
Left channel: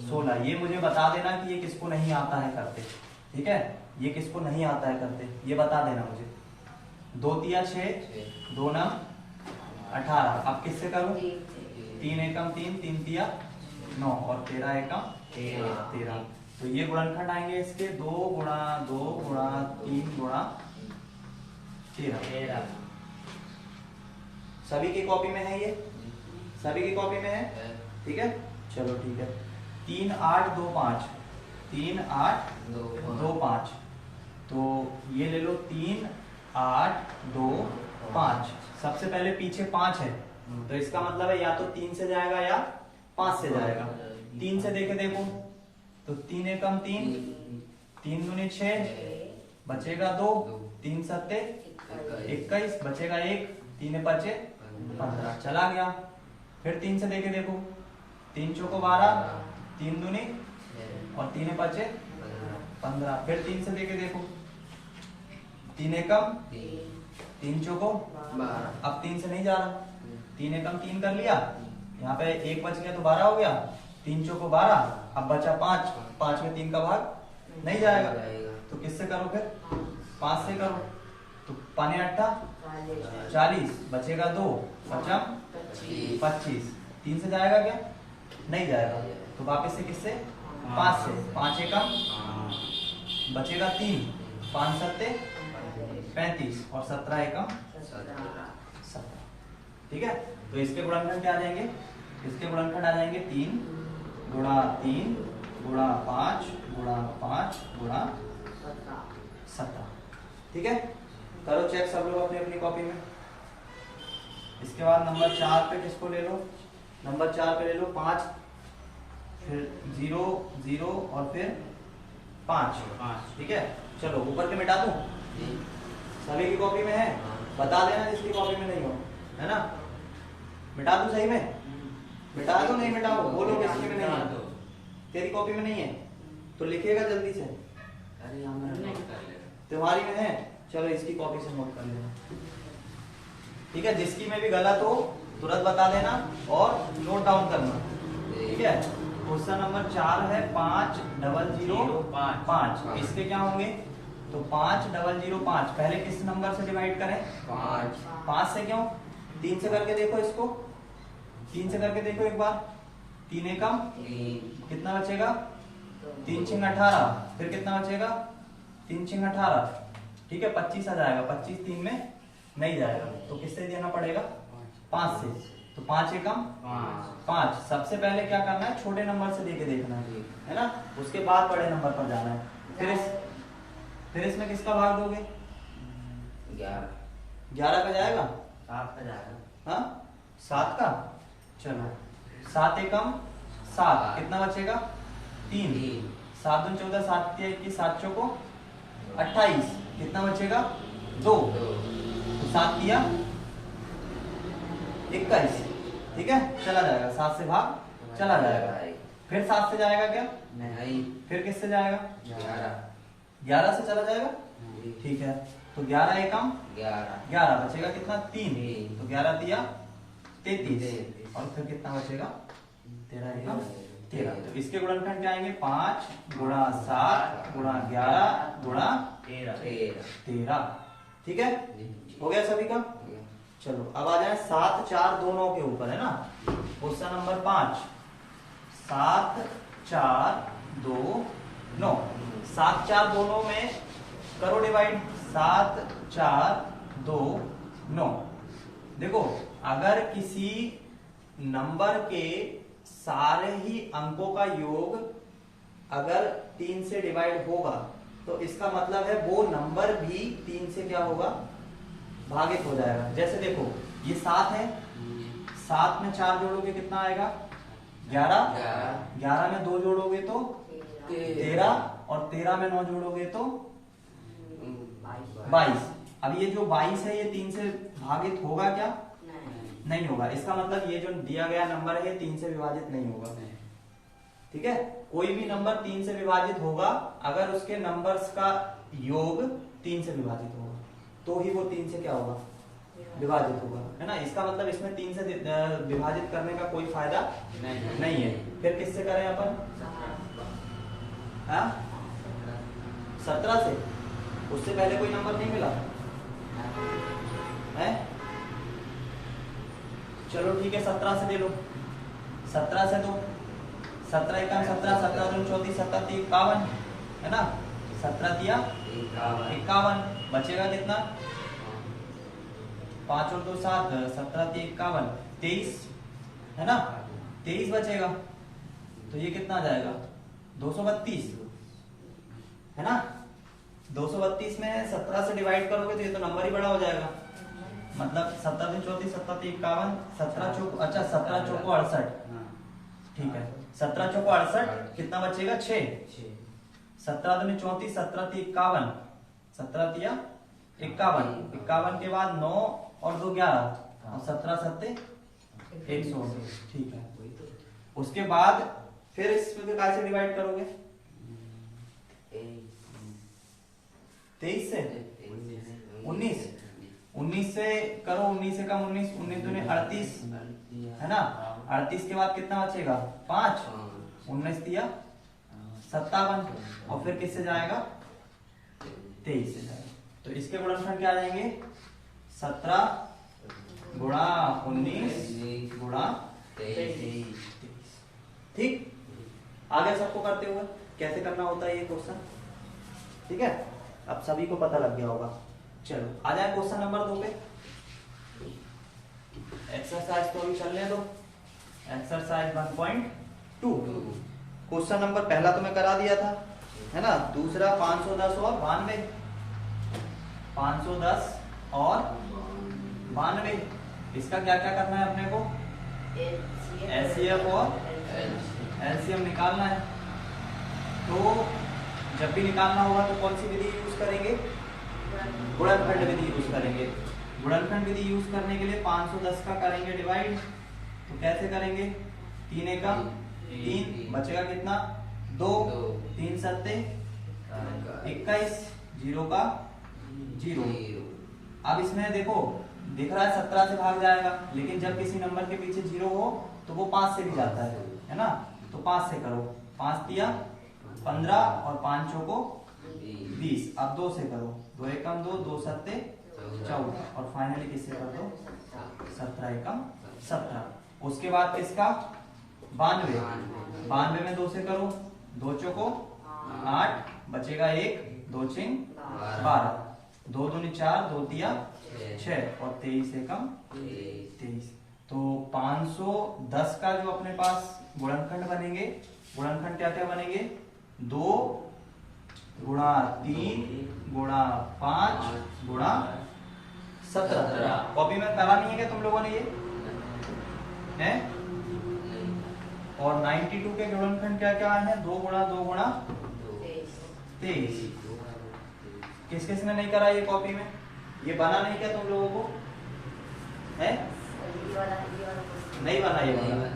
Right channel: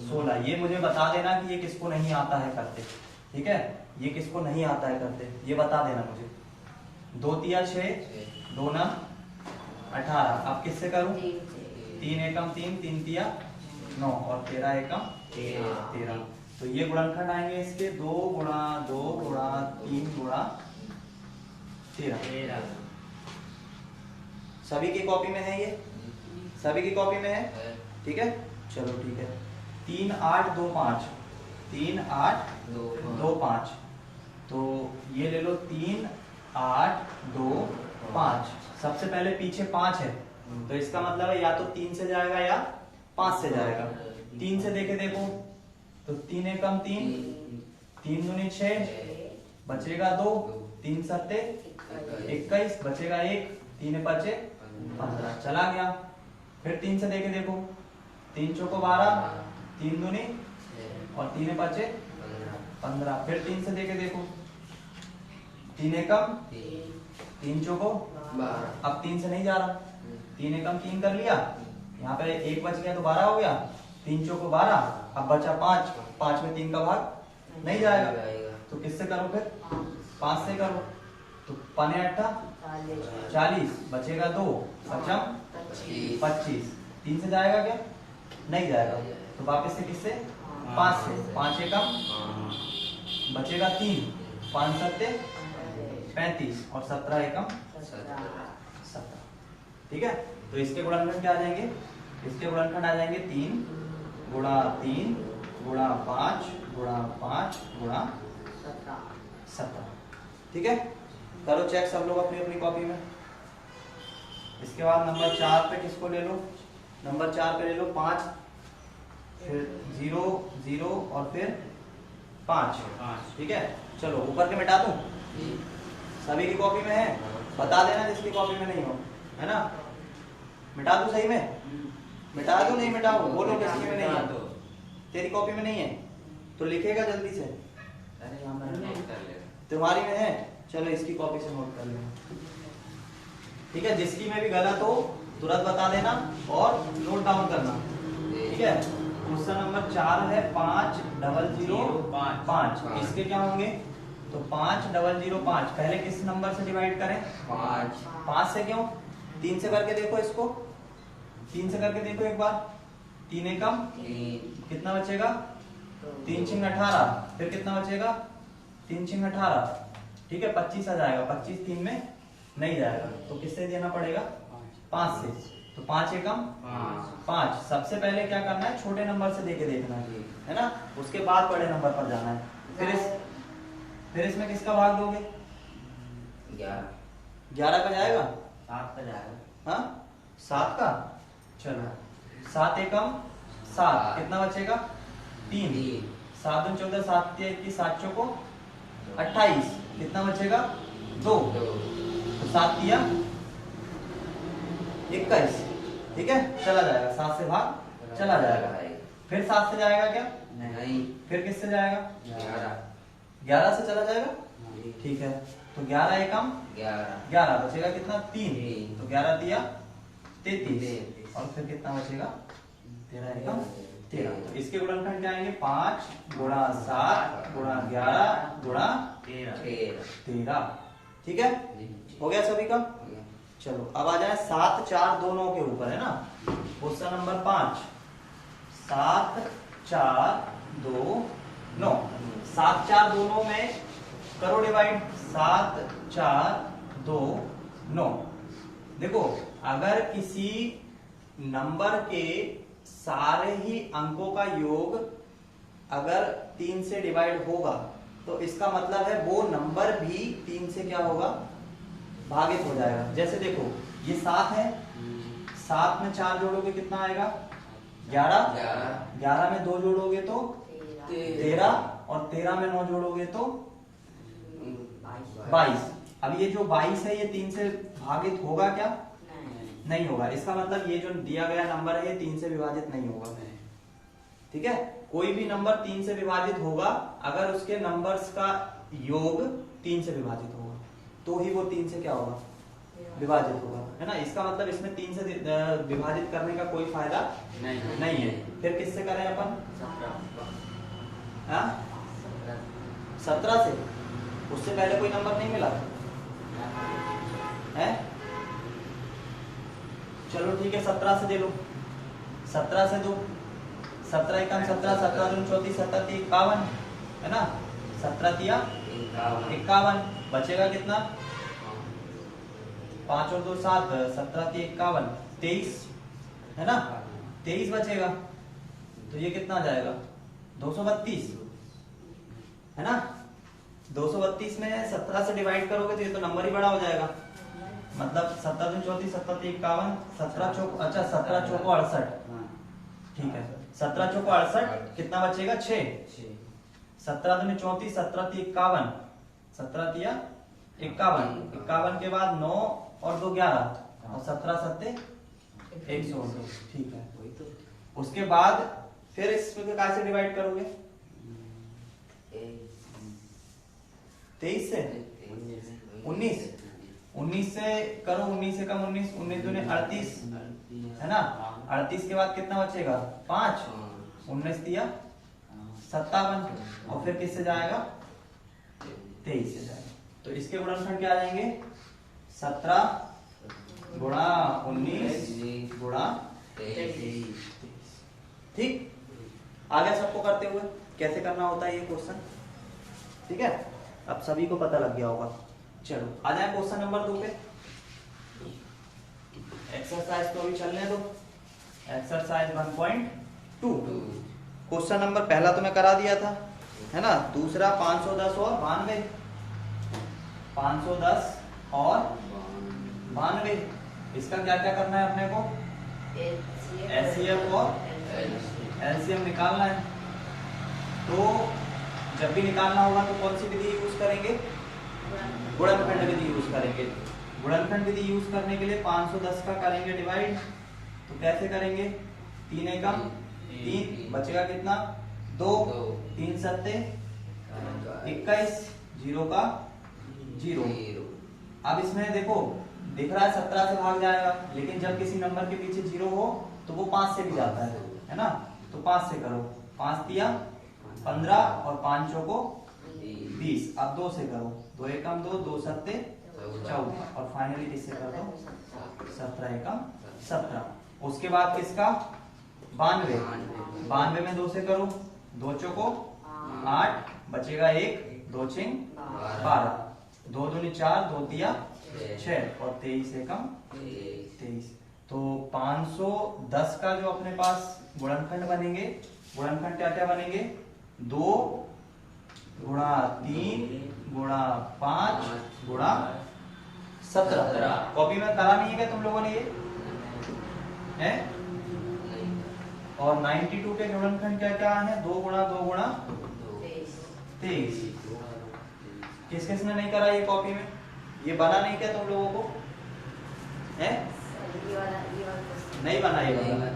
16। ये मुझे बता देना कि ये किसको नहीं आता है करते। ठीक है, ये किसको नहीं आता है करते, ये बता देना मुझे। 2 तिया 6, 2 नम 18। अब किससे करूं? 3 एकम 3, 3 तिया 9 और 13 एकम 13। तो ये गुणनखंड आएंगे इसके 2 गुणा 2 गुणा 3 गुणा 13। सभी की कॉपी में है ये? सभी की कॉपी में है? ठीक है, चलो ठीक है। 3 8 2 5, 3 8 2 5। तो ये ले लो 3 8 2 5। सबसे पहले पीछे 5 है, तो इसका मतलब है या तो 3 से जाएगा या 5 से जाएगा। 3 से देखे देखो तो 3 एकम 3, 3 दूनी 6, बचेगा 2, 3 सत्ते 21, बचेगा 1, 3 बचे 15, चला गया। फिर 3 से देखे देखो, 3 चौको 12, 3 दूनी और 3 बचे 15। फिर 3 से देखे देखो, 3 एकम 3 चौको 12। अब 3 से नहीं जा रहा, 3 एकम 3 कर लिया, यहाँ पे 1 बच गया तो 12 हो गया। 3 चौको 12, अब बचा 5, 5 में 3 का भाग नहीं जाएगा, तो किससे करो फिर? 5 से करो। तो 5 8 40, बचेगा 2, पचम 25। 3 से जाएगा क्या? नहीं जाएगा, तो वापस से किससे? 5 से। 5 एकम बचेगा 3, 5 सत्ते 35 और 17 एकम 17। ठीक है, तो इसके गुणनखंड क्या आ जाएंगे? इसके गुणनखंड आ जाएंगे 3 गुणा 3 गुणा 5 गुणा 5 गुणा 17। ठीक है, करो चेक सब लोग अपनी अपनी कॉपी में। इसके बाद नंबर 4 पे किसको ले लो? नंबर 4 पे ले लो 5, फिर 0 0 और फिर 5। ठीक है, चलो ऊपर के मिटा दूं? सभी की कॉपी में है? बता देना जिसकी कॉपी में नहीं हो, है ना। मिटा दूं सही में? मिटा दो, नहीं मिटाओ, बोलो किसकी में नहीं है। तेरी कॉपी में नहीं है तो लिखेगा जल्दी से। तुम्हारी में है, चलो इसकी कॉपी से नोट कर लेना। ठीक है, जिसकी में भी गलत हो तुरंत बता देना और नोट डाउन करना। ठीक है, क्वेश्चन नंबर 4 है 5 0 0 5। इसके क्या होंगे? तो 5 0 0 5 पहले किस नंबर से डिवाइड करें? 5 से। क्यों? 3 से करके देखो इसको, 3 से करके देखो एक बार। 3 एकम कितना बचेगा? 3 छिंग 18, फिर कितना बचेगा? 3 छिंग 18। ठीक है, 25 आ जाएगा। 25 3 में नहीं जाएगा, तो किससे देना पड़ेगा? 5 से। तो 5 एकम 5। सबसे पहले क्या करना है? छोटे नंबर से देके देखना है ना, उसके बाद बड़े नंबर पर जाना है। फिर इसमें किसका भाग दोगे? 11 का जाएगा? 7 का जाएगा। हाँ, 7 का। चलो 7 एकम 7, कितना बचेगा? 3। 7 दूनी 14, 7 तिया 21, 7 चौको 28, कितना बचेगा 2, तो 7 तिया 21, ठीक है, चला जाएगा 7 से भाग चला जाएगा। फिर 7 से जाएगा क्या? नहीं, फिर किससे जाएगा? 11 से चला जाएगा, ठीक है। तो 11 एकम 11 बचेगा कितना? 3, तो 11 तिया 33, और फिर कितना बचेगा? 13 एकम 13। तो इसके गुणनखंड क्या आएंगे? 5 गुणा 7 गुणा 11 गुणा 13, ठीक है, हो गया सभी का। चलो अब आ जाए 7 4 2 9 के ऊपर, है ना, क्वेश्चन नंबर 5। 7 4 2 9, 7 4 2 9 में करो डिवाइड। 7 4 2 9। देखो, अगर किसी नंबर के सारे ही अंकों का योग अगर 3 से डिवाइड होगा तो इसका मतलब है वो नंबर भी 3 से क्या होगा? भागित हो जाएगा। जैसे देखो, ये 7 है, 7 में 4 जोड़ोगे कितना आएगा? 11, 11 में 2 जोड़ोगे तो 13, और 13 में 9 जोड़ोगे तो 22। अब ये जो 22 है ये 3 से भागित होगा क्या? नहीं होगा। इसका मतलब ये जो दिया गया नंबर है ये 3 से विभाजित नहीं होगा, ठीक है। कोई भी नंबर 3 से विभाजित होगा अगर उसके नंबर्स का योग 3 से विभाजित होगा, तो ही वो 3 से क्या होगा? विभाजित होगा, है ना। इसका मतलब इसमें 3 से विभाजित करने का कोई फायदा नहीं है। फिर किससे करें अपन? 17 से। उससे पहले कोई नंबर नहीं मिला है? चलो ठीक है, 17 से दे लो। 17 से दो, 17 एकम 17, 17 दूनी 34, 17 तिया 51, है ना। 17 तिया 51, बचेगा कितना? 5 और 2 7, 17 तिया 51, 23, है ना, 23 बचेगा। तो ये कितना जाएगा? 232, है ना। 232 में 17 से डिवाइड करोगे तो ये तो नंबर ही बड़ा हो जाएगा। मतलब 17 दूनी 34, 17 तिया 51, 17 चौको, अच्छा 17 चौको 68, ठीक है। 17 चौको 68, कितना बचेगा? 6। 17 दूनी 34, 17 तिया 51, 17 तिया 51, 51 के बाद 9 और 2 11, और 17 सत्ते 128, ठीक है। उसके बाद फिर इसमें कैसे डिवाइड करोगे? 23 से 19, 19 से करो, 19 से कम 19, 19 दूनी 38, है ना। 38 के बाद कितना बचेगा? 5, 19 तिया 57, और फिर किससे जाएगा? 23 से जाएगा। तो इसके गुणनखंड क्या आ जाएंगे? 17 गुणा 19 गुणा 23, ठीक। आगे सबको करते हुए कैसे करना होता है ये क्वेश्चन, ठीक है, अब सभी को पता लग गया होगा। चलो आ जाए क्वेश्चन नंबर 2 पे। एक्सरसाइज तो अभी चलने दो। एक्सरसाइज 1.2। क्वेश्चन नंबर पहला तो मैं करा दिया था, है ना। दूसरा 510 और 92, 510 और 92, इसका क्या क्या करना है अपने को? एचसीएफ और एलसीएम निकालना है। तो जब भी निकालना होगा तो कौन सी विधि यूज करेंगे? गुणनखंड विधि यूज करेंगे। गुणनखंड विधि यूज करने के लिए 510 का करेंगे डिवाइड, तो कैसे करेंगे? 3 एकम 3, बचेगा कितना? 2, 3 सत्ते 21, 0 का 0। अब इसमें देखो, दिख रहा है 17 से भाग जाएगा, लेकिन जब किसी नंबर के पीछे 0 हो तो वो 5 से भी जाता है ना। तो 5 से करो, 5 तिया 15 और 5 चौको 20। अब 2 से करो, 2 एकम 2, 2 सत्ते 14, और फाइनली किससे कर दो? 17 एकम 17। उसके बाद किसका? 92, 92 में 2 से करो, 2 चौको 8, बचेगा 1, 2 छिंग 12, 2 दूनी 4, 2 तिया 6, और 23 एकम 23। तो 510 का जो अपने पास गुणनखंड बनेंगे, गुणनखंड क्या क्या बनेंगे? 2 गुणा 3 गुणा 5 गुणा 17। कॉपी में करा नहीं है क्या तुम लोगों ने ये है? और 92 के गुणनखंड क्या क्या है? 2 गुणा 2 गुणा 23। किस किस ने नहीं करा ये कॉपी में? ये बना नहीं क्या तुम लोगों को है? ये वाला क्वेश्चन नहीं बना ये वाला।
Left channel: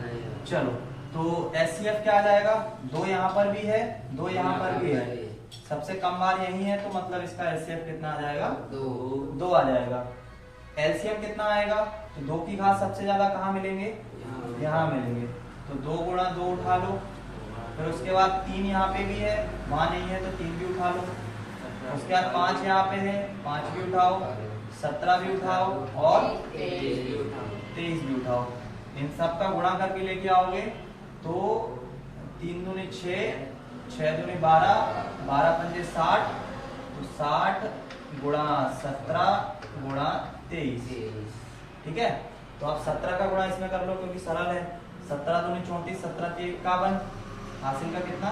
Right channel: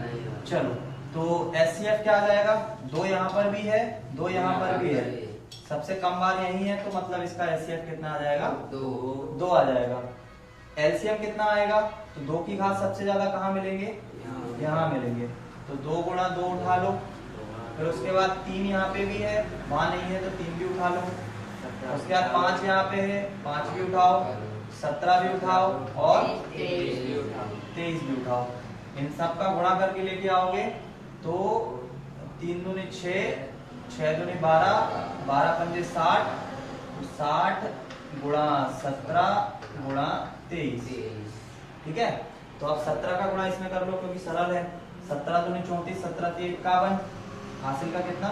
चलो तो एचसीएफ क्या आ जाएगा? 2 यहाँ पर भी है, 2 यहाँ पर भी है, सबसे कम बार यही है, तो मतलब इसका एचसीएफ कितना आ जाएगा? 2 आ जाएगा। एलसीएम कितना आएगा? तो 2 की घात सबसे ज्यादा कहाँ मिलेंगे? यहाँ मिलेंगे। तो 2 गुणा 2 उठा लो, फिर उसके बाद 3 यहाँ पे भी है, वहां नहीं है तो 3 भी उठा लो, उसके बाद 5 यहाँ पे है, 5 भी उठाओ, 17 भी उठाओ और 23 भी उठाओ। इन सब का गुणा करके लेके आओगे तो 3 दूनी 6, 6 दूनी 12, 12 पंजे 60, तो 60 गुणा 17 गुणा 23। ठीक है, तो अब 17 का गुणा इसमें कर लो क्योंकि सरल है। 17 दूनी 34, 17 3 51, हासिल का कितना?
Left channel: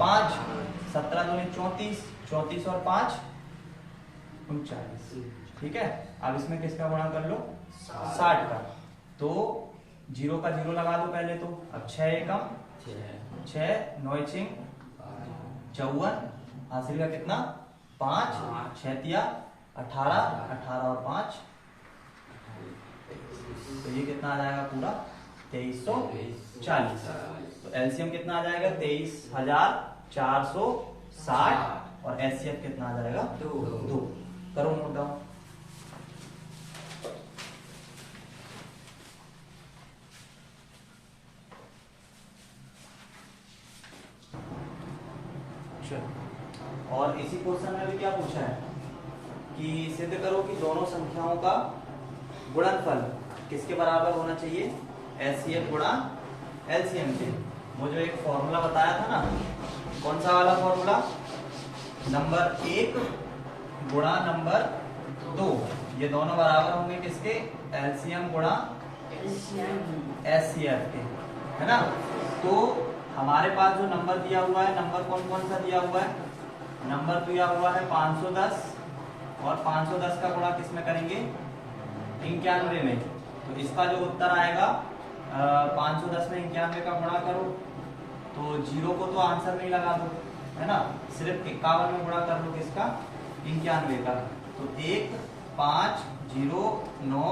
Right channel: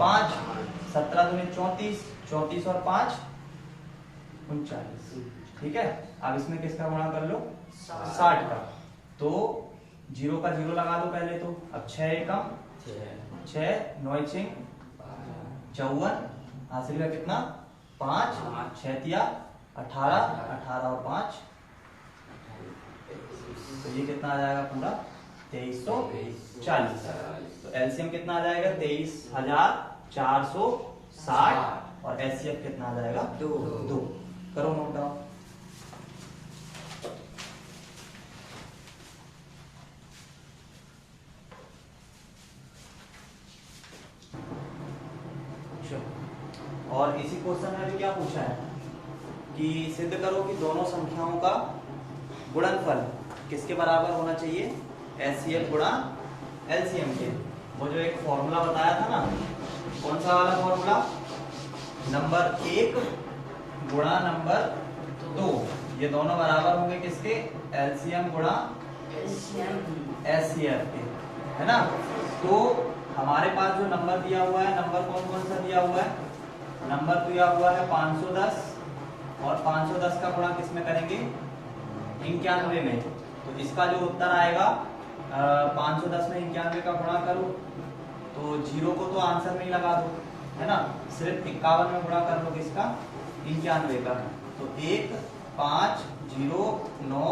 5। 17 दूनी 34, 34 और 5 39। ठीक है, अब इसमें किसका गुणा कर लो? 60 का। तो 0 का 0 लगा दो पहले तो। अब 6 एकम 6, 9 चिंग 54, हासिल का कितना? 5, 6 तिया 18, 18 और 5, तो ये कितना आ जाएगा पूरा? 2340। तो एलसीएम कितना आ जाएगा? 23,460 और एचसीएफ कितना आ जाएगा? 2। करो नोट डाउन। और इसी क्वेश्चन में भी क्या पूछा है कि सिद्ध करो कि दोनों संख्याओं का गुणनफल किसके बराबर होना चाहिए? एचसीएफ गुणा एलसीएम के। वो जो एक फॉर्मूला बताया था ना, कौन सा वाला फॉर्मूला? नंबर 1 गुणा नंबर 2, ये दोनों बराबर होंगे किसके? एलसीएम गुणा एचसीएफ के, है ना। तो हमारे पास जो नंबर दिया हुआ है, नंबर कौन कौन सा दिया हुआ है? नंबर दिया हुआ है 510, और 510 का गुणा किस में करेंगे? 91 में। तो इसका जो उत्तर आएगा 510 में 91 का गुणा करो, तो 0 को तो आंसर में ही लगा दो, है ना। सिर्फ 51 में गुणा कर लो किसका? 91 का। तो 1, 5, 0, 9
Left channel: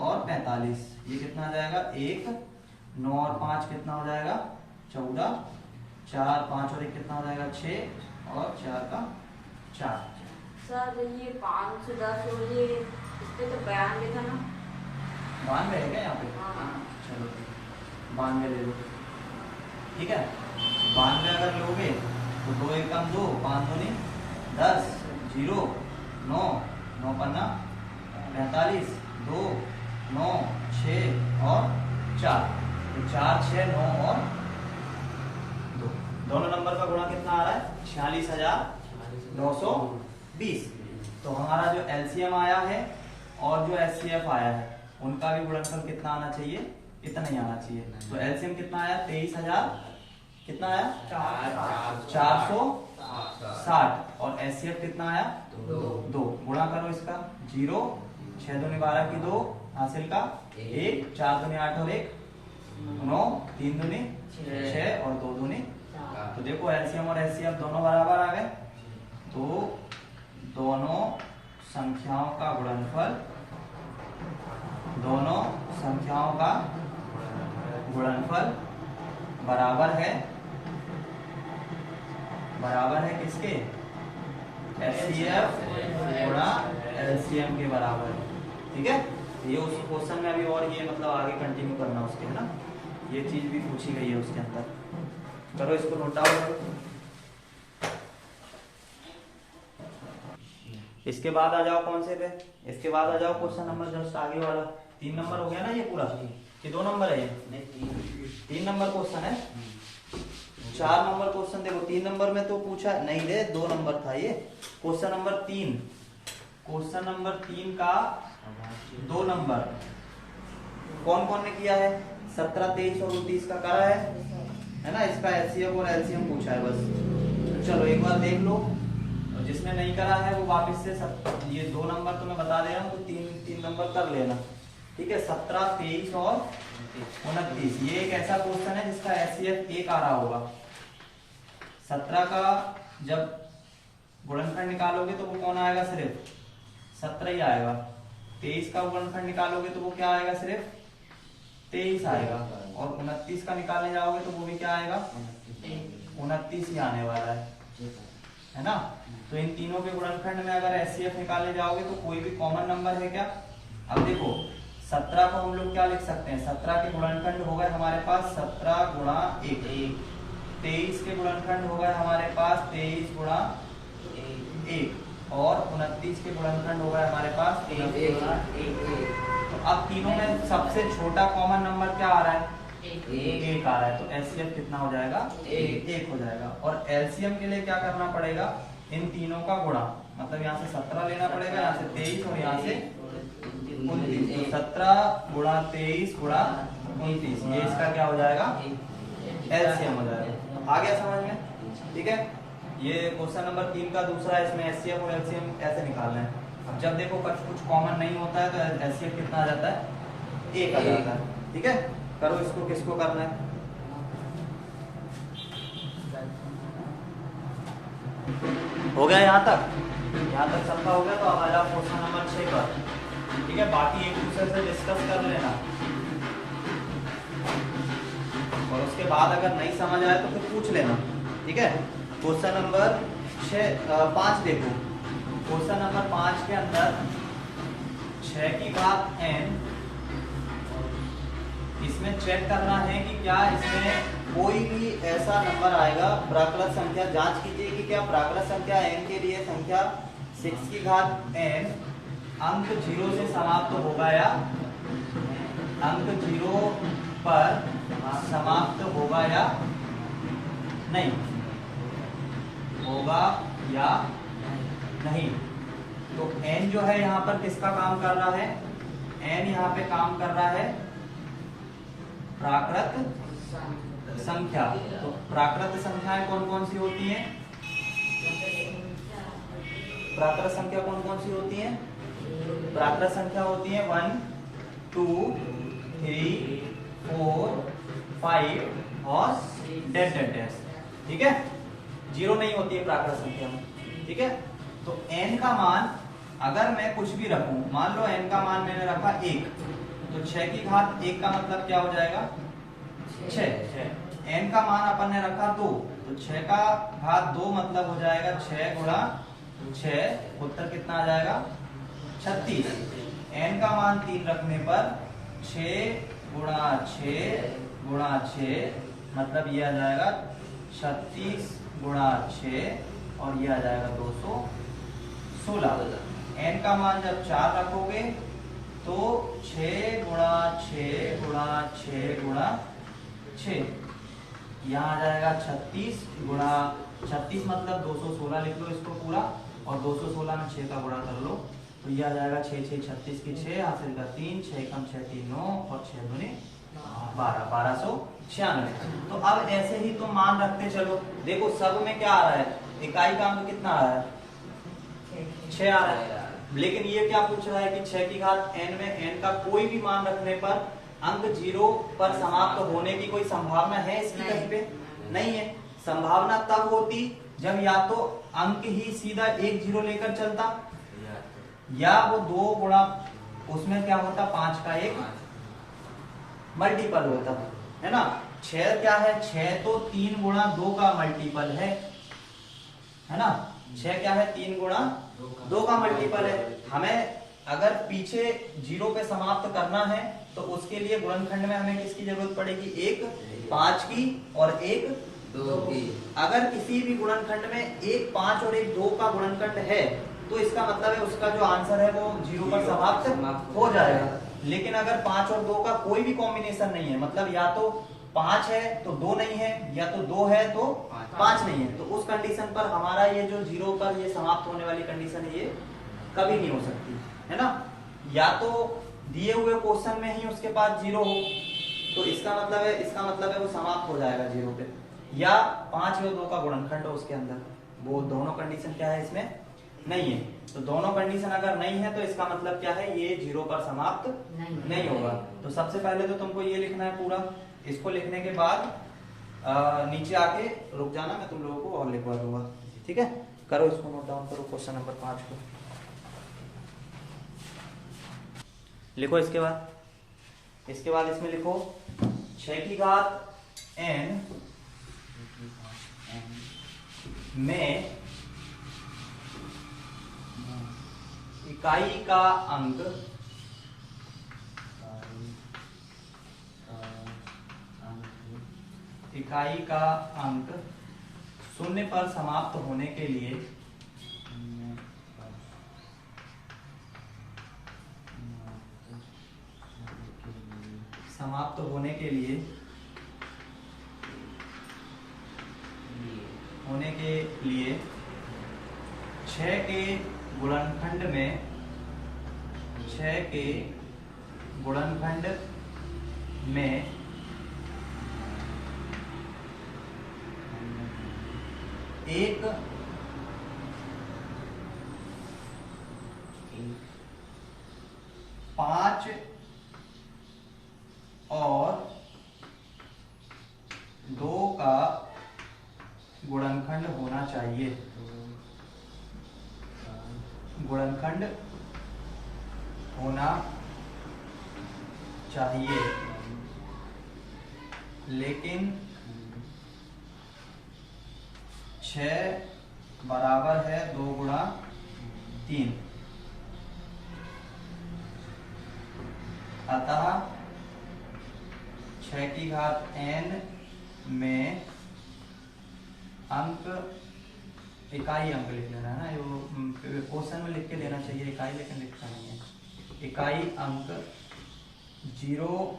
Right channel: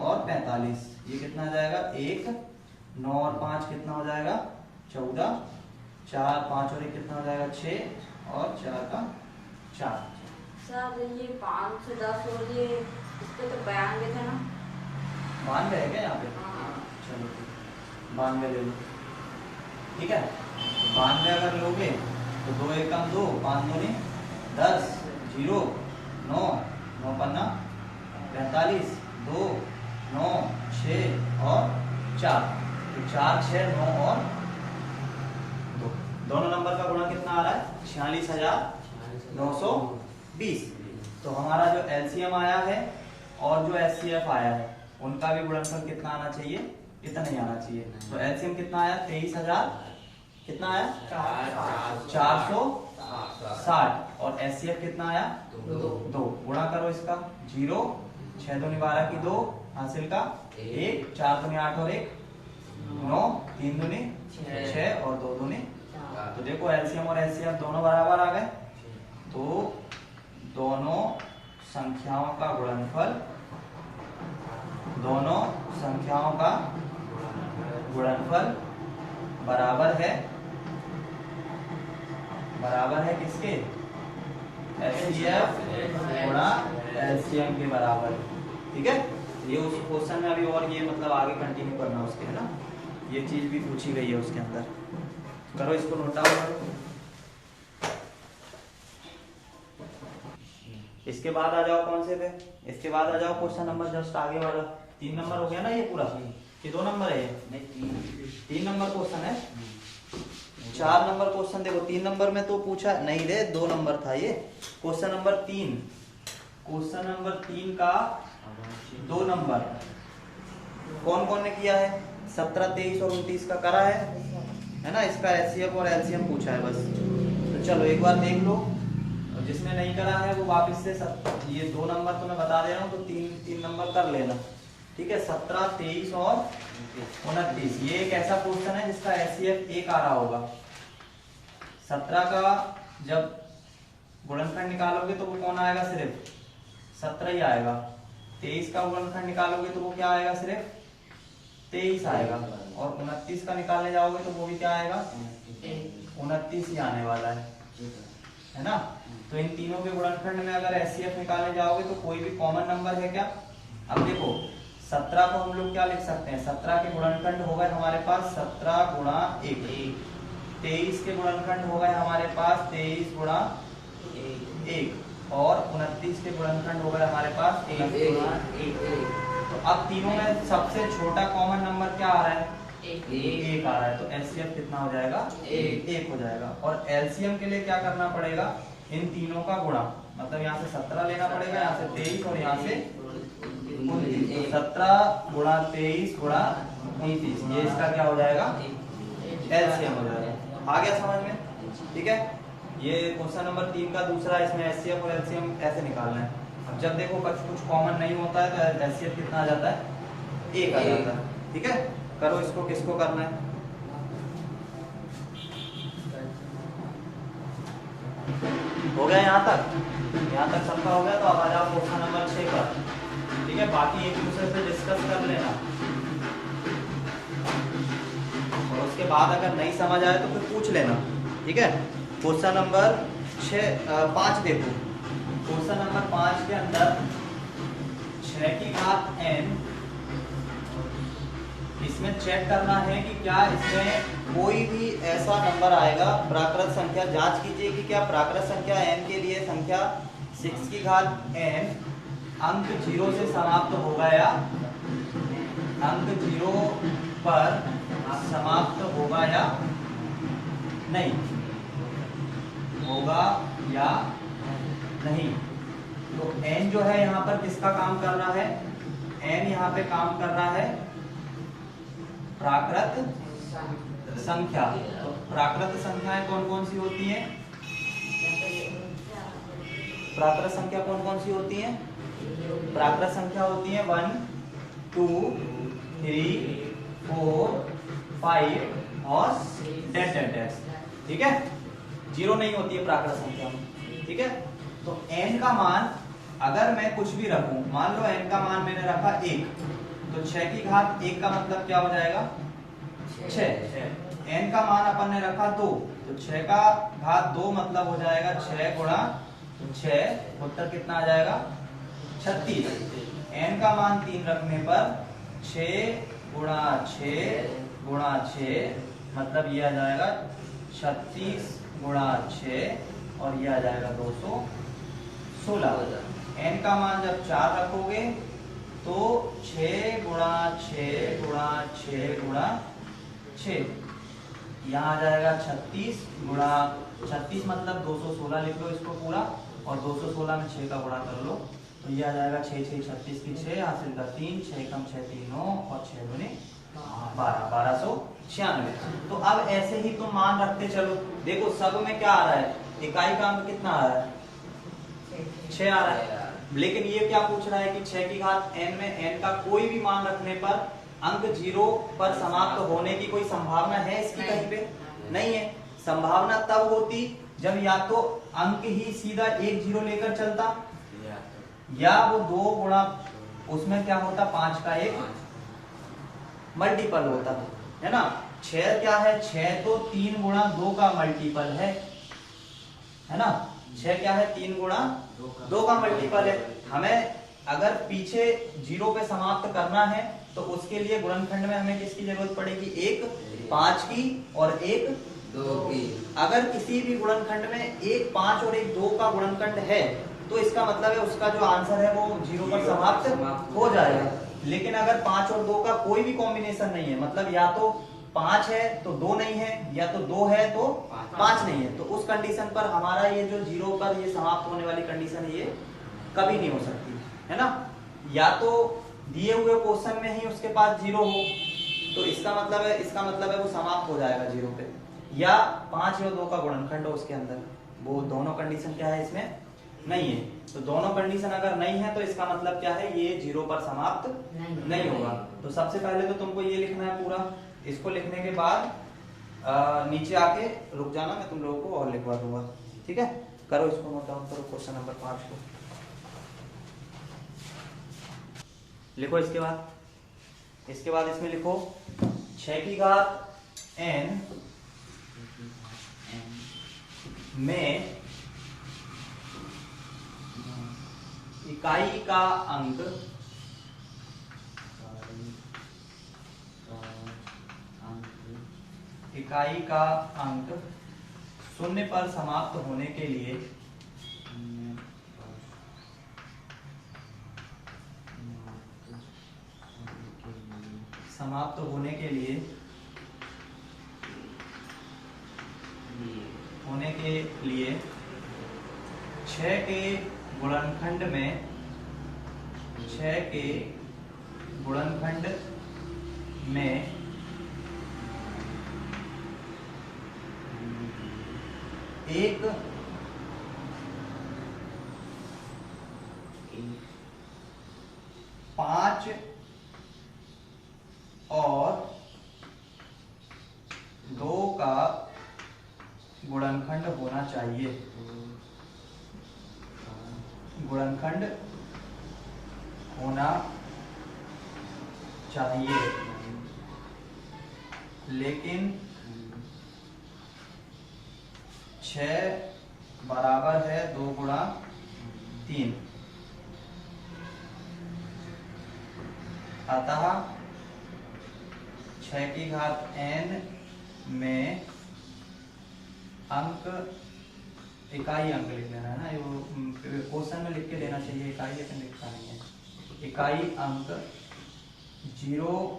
और 45, ये कितना आ जाएगा? 1, 9 और 5 कितना हो जाएगा? 14, 4, 5 और 1 कितना हो जाएगा? 6 और 4 का 4। सर ये 510 और ये इसके तो 92 था ना? 92 है क्या यहाँ पे? चलो 92 ले लो। ठीक है, 92 अगर लोगे तो 2 एकम 2, 5 दूनी 10, 0, 9, 9 पन्ना 45, 2, 9, 6 और 4, तो 4, 6, 9 और 2। दोनों नंबर का गुणा कितना आ रहा है? 46,920। तो हमारा जो एलसीएम आया है और जो एचसीएफ आया है, उनका भी गुणनफल कितना आना चाहिए? इतना ही आना चाहिए। तो एलसीएम कितना आया? 23,000, कितना आया? 460, और एचसीएफ कितना आया? 2। गुणा करो इसका, 0, 6 दूनी 12 की 2, हासिल का 1, 4 दूनी 8 और 1 9, 3 दूनी 6 और 2 दूनी। तो देखो एलसीएम और एचसीएफ दोनों बराबर आ गए, तो दोनों संख्याओं का गुणनफल, दोनों संख्याओं का गुणनफल बराबर है किसके? एचसीएफ गुणा एलसीएम के बराबर। ठीक है, ये उस क्वेश्चन में अभी और ये मतलब आगे कंटिन्यू करना उसके, है ना। ये चीज भी पूछी गई है उसके अंदर। करो इसको नोट डाउन करो। इसके बाद आ जाओ कौन से पे? इसके बाद आ जाओ क्वेश्चन नंबर जस्ट आगे वाला। 3 नंबर हो गया ना ये पूरा, कि 2 नंबर है ये? 3 नंबर क्वेश्चन है। 4 नंबर क्वेश्चन देखो, 3 नंबर में तो पूछा नहीं रे, 2 नंबर था ये। क्वेश्चन नंबर 3, क्वेश्चन नंबर 3 का 2 नंबर कौन कौन ने किया है? 17, 23 और 29 का करा है ना। इसका एचसीएफ और एलसीएम पूछा है बस। तो चलो एक बार देख लो, और जिसने नहीं करा है वो वापस से ये 2 नंबर तो मैं बता दे रहा हूँ, तो 3 नंबर कर लेना। ठीक है, 17, 23 और 29, ये एक ऐसा क्वेश्चन है जिसका एचसीएफ 1 आ रहा होगा। 17 का जब गुणनखंड निकालोगे तो वो कौन आएगा, सिर्फ 17 ही आएगा। 23 का गुणनखंड निकालोगे तो वो क्या आएगा, सिर्फ 23 आएगा। और 29 का निकालने जाओगे तो वो भी क्या आएगा, 29 ही आने वाला है ना। तो इन तीनों के गुणनखंड में अगर एचसीएफ निकालने जाओगे तो कोई भी कॉमन नंबर है क्या। अब देखो 17 को हम लोग क्या लिख सकते हैं, 17 के गुणनखंड हो गए हमारे पास 17 गुणा 1। 23 के गुणनखंड हो गए हमारे पास 23 गुणा 1। और 29 के गुणनखंड हो गए हमारे पास 29 गुणा 1। तो अब तीनों में सबसे छोटा कॉमन नंबर क्या आ रहा है, 1 आ रहा है। तो एलसीएम कितना हो जाएगा, 1 हो जाएगा। और एलसीएम के लिए क्या करना पड़ेगा, इन तीनों का गुणा, मतलब यहाँ से 17 लेना पड़ेगा, यहाँ से 23 और यहाँ से 29। तो 17 गुणा 23 गुणा 29, ये इसका क्या हो जाएगा, एलसीएम हो जाएगा। आ गया समझ में, ठीक है। ये क्वेश्चन नंबर 3 का दूसरा, इसमें एचसीएफ और एलसीएम कैसे निकालना है। अब जब देखो कुछ कॉमन नहीं होता है तो एचसीएफ कितना आ जाता है, 1 आ जाता है। ठीक है, करो इसको, किसको करना है। हो गया यहाँ तक सबका हो गया। तो अब आ जाओ क्वेश्चन नंबर 6 पर। ठीक है, बाकी एक दूसरे से डिस्कस कर लेना और उसके बाद अगर नहीं समझ आए तो फिर पूछ लेना। ठीक है, क्वेश्चन नंबर 5 देखो। क्वेश्चन नंबर 5 के अंदर 6 की घात n, इसमें चेक करना है कि क्या इसमें कोई भी ऐसा नंबर आएगा, प्राकृत संख्या। जांच कीजिए कि क्या प्राकृत संख्या n के लिए संख्या 6 की घात n अंक 0 से समाप्त होगा या अंक 0 पर समाप्त होगा या नहीं, होगा या नहीं। तो n जो है यहाँ पर किसका काम कर रहा है, n यहाँ पे काम कर रहा है प्राकृत संख्या। तो प्राकृत संख्याएं कौन कौन सी होती हैं, प्राकृत संख्या कौन कौन सी होती हैं, प्राकृत संख्या होती है 1 2 3 4 5 और डैश। ठीक है, 0 नहीं होती है प्राकृत संख्या में। ठीक है, तो n का मान अगर मैं कुछ भी रखूं, मान लो n का मान मैंने रखा 1, तो 6 की घात 1 का मतलब क्या हो जाएगा, 6। n का मान अपन ने रखा 2, तो 6 का घात 2 मतलब हो जाएगा 6 गुणा 6, उत्तर कितना आ जाएगा 36। n का मान 3 रखने पर 6 गुणा 6 गुणा 6 मतलब ये आ जाएगा 36 गुणा 6 और ये आ जाएगा 216। n का मान जब 4 रखोगे तो 6 गुणा 6 गुणा 6 गुणा 6, यहाँ आ जाएगा 36 गुणा 36 मतलब 216 लिख लो इसको पूरा, और 216 में 6 का गुणा कर लो तो ये आ जाएगा 6 6 36 की 6 हासिल का 3, 6 कम 6 3 9 और 6 दूनी 1296। तो अब ऐसे ही तो मान रखते चलो। देखो सब में क्या आ रहा है, इकाई का अंक कितना आ रहा है, 6 आ रहा है। लेकिन ये क्या पूछ रहा है कि 6 की घात n में n का कोई भी मान रखने पर अंक 0 पर समाप्त होने की कोई संभावना है इसकी, कहीं पे नहीं है। संभावना तब होती जब या तो अंक ही सीधा 1 0 लेकर चलता, या वो 2 गुणा उसमें क्या होता 5 का 1 मल्टीपल होता है ना। 6 क्या है, 6 तो 3 गुणा 2 का मल्टीपल है ना। 6 क्या है, 3 गुणा 2 का मल्टीपल है। हमें अगर पीछे 0 पे समाप्त करना है तो उसके लिए गुणनखंड में हमें किसकी जरूरत पड़ेगी, एक 5 की और एक 2 की। अगर किसी भी गुणनखंड में एक 5 और एक 2 का गुणनखंड है तो इसका मतलब है उसका जो आंसर है वो 0 पर समाप्त हो जाएगा। लेकिन अगर 5 और 2 का कोई भी कॉम्बिनेशन नहीं है, मतलब या तो 5 है तो 2 नहीं है, या तो 2 है तो 5 नहीं है, तो उस कंडीशन पर हमारा ये जो 0 पर ये समाप्त होने वाली कंडीशन है ये कभी नहीं हो सकती है ना। या तो दिए हुए क्वेश्चन में ही उसके पास 0 हो तो इसका मतलब है वो समाप्त हो जाएगा 0 पे, या 5 और 2 का गुणनखंड हो उसके अंदर, वो दोनों कंडीशन क्या है इसमें नहीं है। तो दोनों कंडीशन अगर नहीं है तो इसका मतलब क्या है, ये 0 पर समाप्त नहीं होगा। तो सबसे पहले तो तुमको ये लिखना है पूरा, इसको लिखने के बाद नीचे आके रुक जाना, मैं तुम लोगों को और लिखवा दूंगा। ठीक है। करो इसको नोट डाउन करो, क्वेश्चन नंबर 5 को लिखो। इसके बाद इसमें लिखो 6 की घात n में इकाई का अंक शून्य पर समाप्त होने के लिए होने के लिए 6 के गुणनखंड में एक 5 और 2 का गुणनखंड होना चाहिए। लेकिन 6 बराबर है 2 गुणा 3, अतः 6 की घात n में इकाई अंक लिख लेना है ना, क्वेश्चन में लिख के देना चाहिए इकाई, लेकिन लिखता नहीं है। इकाई अंक 0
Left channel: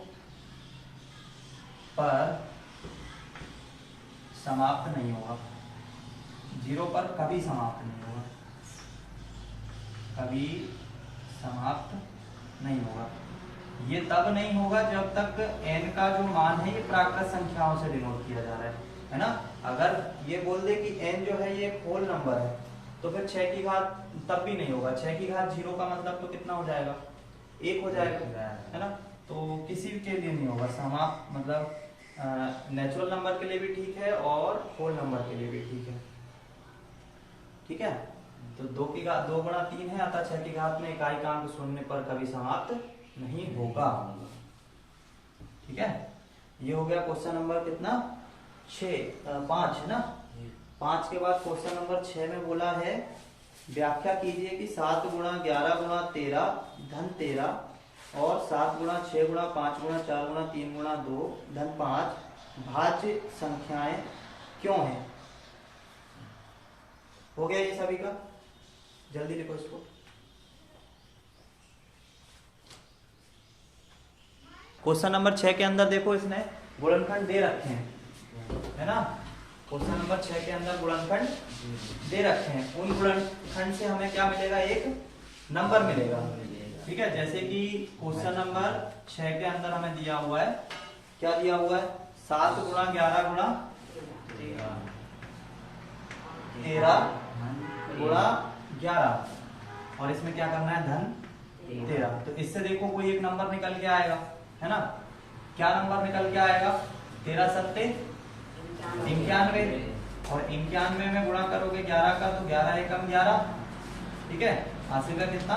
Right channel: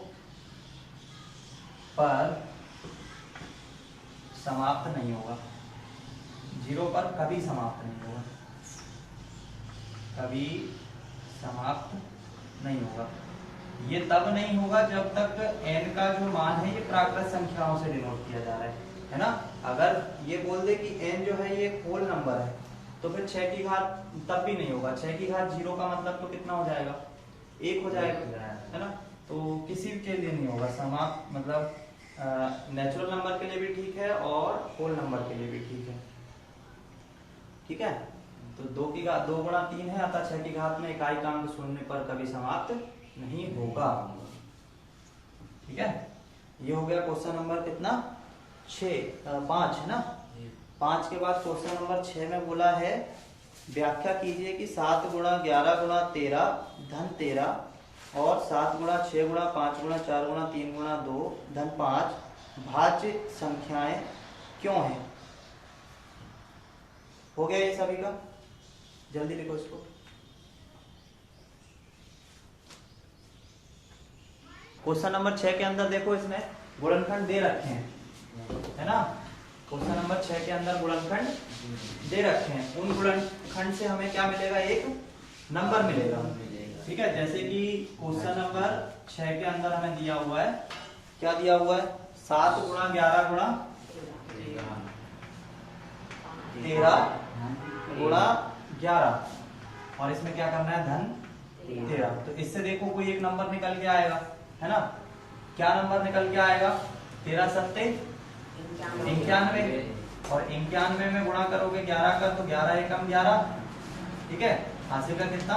पर समाप्त नहीं होगा, 0 पर कभी समाप्त नहीं होगा। ये तब नहीं होगा जब तक n का जो मान है ये प्राकृत संख्याओं से डिनोट किया जा रहा है ना। अगर ये बोल दे कि n जो है ये एक होल नंबर है तो फिर 6 की घात तब भी नहीं होगा। 6 की घात 0 का मतलब तो कितना हो जाएगा, 1 हो जाएगा, है ना। तो किसी के लिए नहीं होगा समाप्त, मतलब नेचुरल नंबर के लिए भी ठीक है और होल नंबर के लिए भी ठीक है। तो 2 की घात 2 गुणा 3 है, अतः 6 की घात में इकाई का अंक शून्य पर कभी समाप्त नहीं होगा। ठीक है, ये हो गया क्वेश्चन नंबर कितना 5 ना। 5 के बाद क्वेश्चन नंबर 6 में बोला है व्याख्या कीजिए कि 7 गुणा 11 गुणा 13 धन 13 और 7 गुणा 6 गुणा 5 गुणा 4 गुणा 3 गुणा 2 धन 5 भाज्य संख्याएं क्यों हैं। हो गया ये सभी का, जल्दी लिखो इसको। क्वेश्चन नंबर 6 के अंदर देखो इसने गुणनखंड दे रखे हैं, है ना। क्वेश्चन नंबर 6 के अंदर गुणनखंड दे रखे हैं, उन गुणनखंड से हमें क्या मिलेगा, एक नंबर मिलेगा। ठीक है, जैसे कि क्वेश्चन नंबर 6 के अंदर हमें दिया हुआ है, क्या दिया हुआ है, 7 गुणा 11 गुणा 13 गुणा 11 और इसमें क्या करना है धन 13। तो इससे देखो कोई एक नंबर निकल के आएगा, है ना। क्या नंबर निकल के आएगा, 13 सत्ते 91 और 91 में गुणा करोगे 11 का तो 11 एकम 11। ठीक है, हासिल का कितना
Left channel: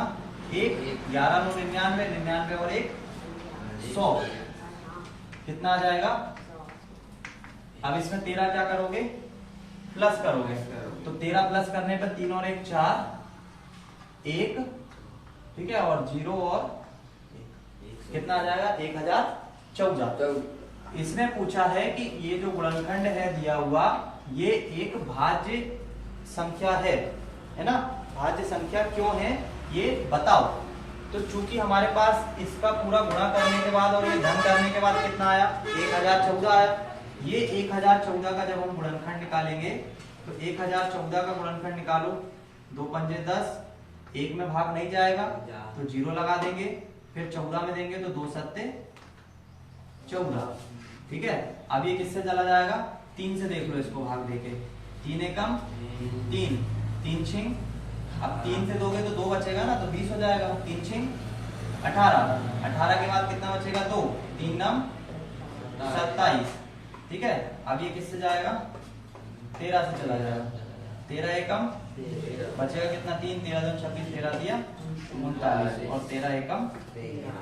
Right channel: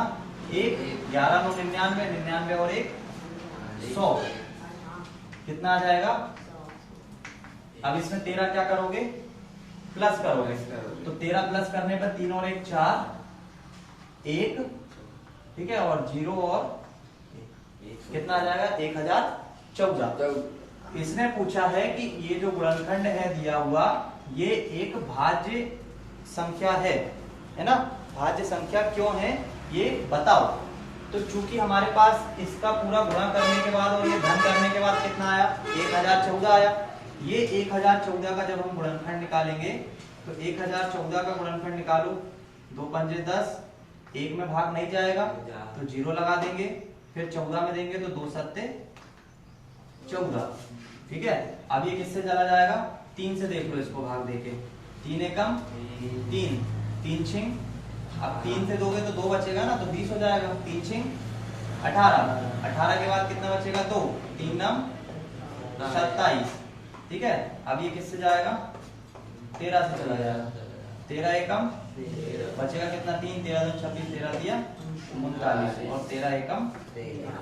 1, 11 9 99, 99 और 1 100, कितना आ जाएगा। अब इसमें 13 क्या करोगे, प्लस करोगे, तो 13 प्लस करने पर 3 और 1 4 1, ठीक है, और 0 और 1 कितना आ जाएगा 1014। इसने पूछा है कि ये जो गुणनखंड है दिया हुआ ये एक भाज्य संख्या है ना, भाज्य संख्या क्यों है ये बताओ। तो चूंकि हमारे पास इसका पूरा गुणा करने के बाद और ये धन करने के बाद कितना आया 1014 आया। ये 1014 का जब हम गुणनखंड निकालेंगे तो 1014 का गुणनखंड निकालो, 2 पंजे 10, 1 में भाग नहीं जाएगा तो 0 लगा देंगे, फिर 14 में देंगे तो 2 सत्ते 14। ठीक है, अब ये किससे चला जाएगा, 3 से देख लो इसको भाग देके, 3 एकम 3, 3 छिंग, अब 3 से दोगे तो 2 बचेगा ना, तो 20 हो जाएगा, 3 छिंग 18, 18 के बाद कितना बचेगा 2, 3 नम 27। ठीक है, अब ये किससे जाएगा 13 से चला जाएगा, 13 एकम बचेगा कितना 3, 13 2 26, 13 दिया 39 और 13 एकम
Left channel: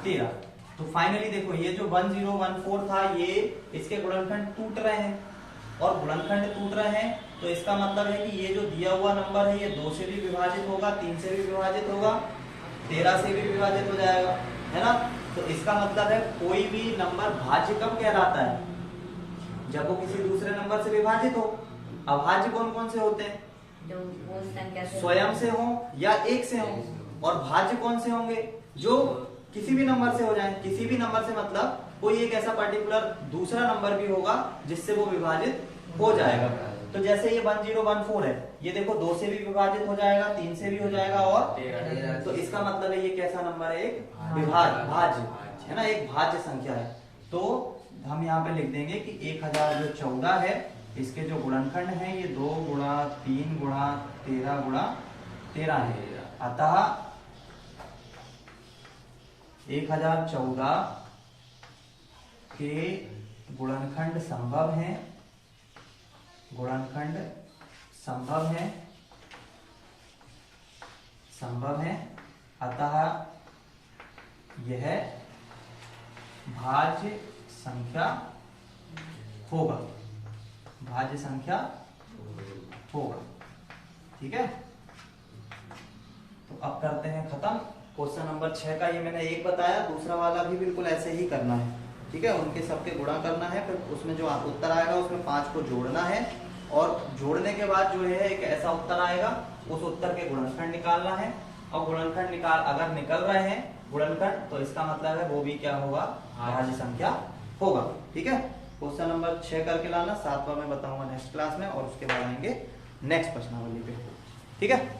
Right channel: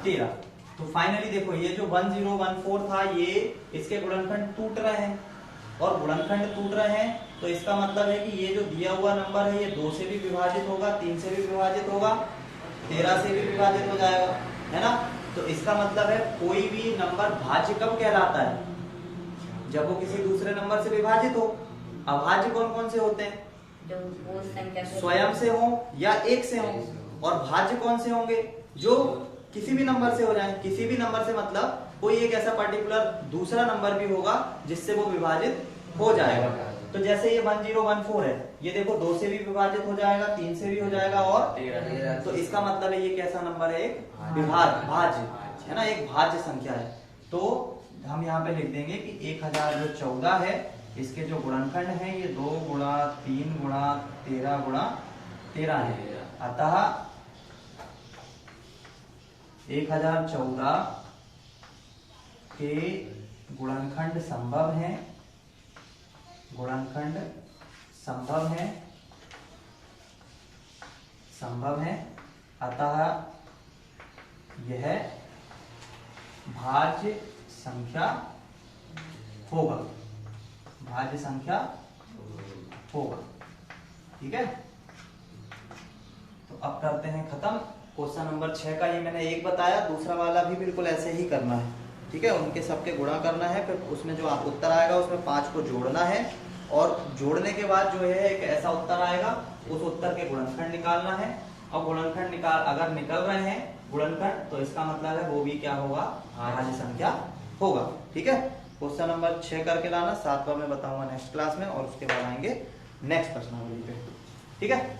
13। तो फाइनली देखो ये जो 1014 था ये इसके गुणनखंड टूट रहे हैं और गुणनखंड टूट रहे हैं तो इसका मतलब है कि ये जो दिया हुआ नंबर है ये 2 से भी विभाजित होगा, 3 से भी विभाजित होगा, 13 से भी विभाजित हो जाएगा, है ना। तो इसका मतलब है कोई भी नंबर भाज्य कब कहलाता है, जब वो किसी दूसरे नंबर से विभाजित हो। अभाज्य कौन कौन से होते हैं, जो वो संख्या से स्वयं से हो या एक से हो, और भाज्य कौन से होंगे, जो किसी भी नंबर से हो जाए। किसी भी नंबर से मतलब कोई एक ऐसा पर्टिकुलर दूसरा नंबर भी होगा जिससे वो विभाजित हो जाएगा। तो जैसे ये 1014 है, ये देखो 2 से भी विभाजित हो जाएगा, 3 से भी हो जाएगा और 13। तो इसका मतलब है ये कैसा नंबर है, एक भाज्य है ना, एक भाज्य संख्या है। तो हम यहाँ पे लिख देंगे कि 1014 है, इसके जो गुणनखंड है ये 2 गुणा 3 गुणा 13 गुणा 13 है। अतः 1014 के गुणनखंड संभव है, गुणनखंड संभव है, अतः यह भाज्य संख्या होगा, भाज्य संख्या होगा। ठीक है, तो अब करते हैं खत्म। क्वेश्चन नंबर 6 का ये मैंने एक बताया, दूसरा वाला भी बिल्कुल ऐसे ही करना है। ठीक है, उनके सबके गुणा करना है, फिर उसमें जो उत्तर आएगा उसमें 5 को जोड़ना है और जोड़ने के बाद जो है एक ऐसा उत्तर आएगा, उस उत्तर के गुणनखंड निकालना है। और गुणनखंड अगर निकल रहे हैं गुणनखंड तो इसका मतलब है वो भी क्या होगा, भाज्य संख्या होगा। ठीक है, क्वेश्चन नंबर 6 करके लाना, 7वां मैं बताऊंगा नेक्स्ट क्लास में और उसके बाद आएंगे नेक्स्ट प्रश्नावली पे। ठीक है।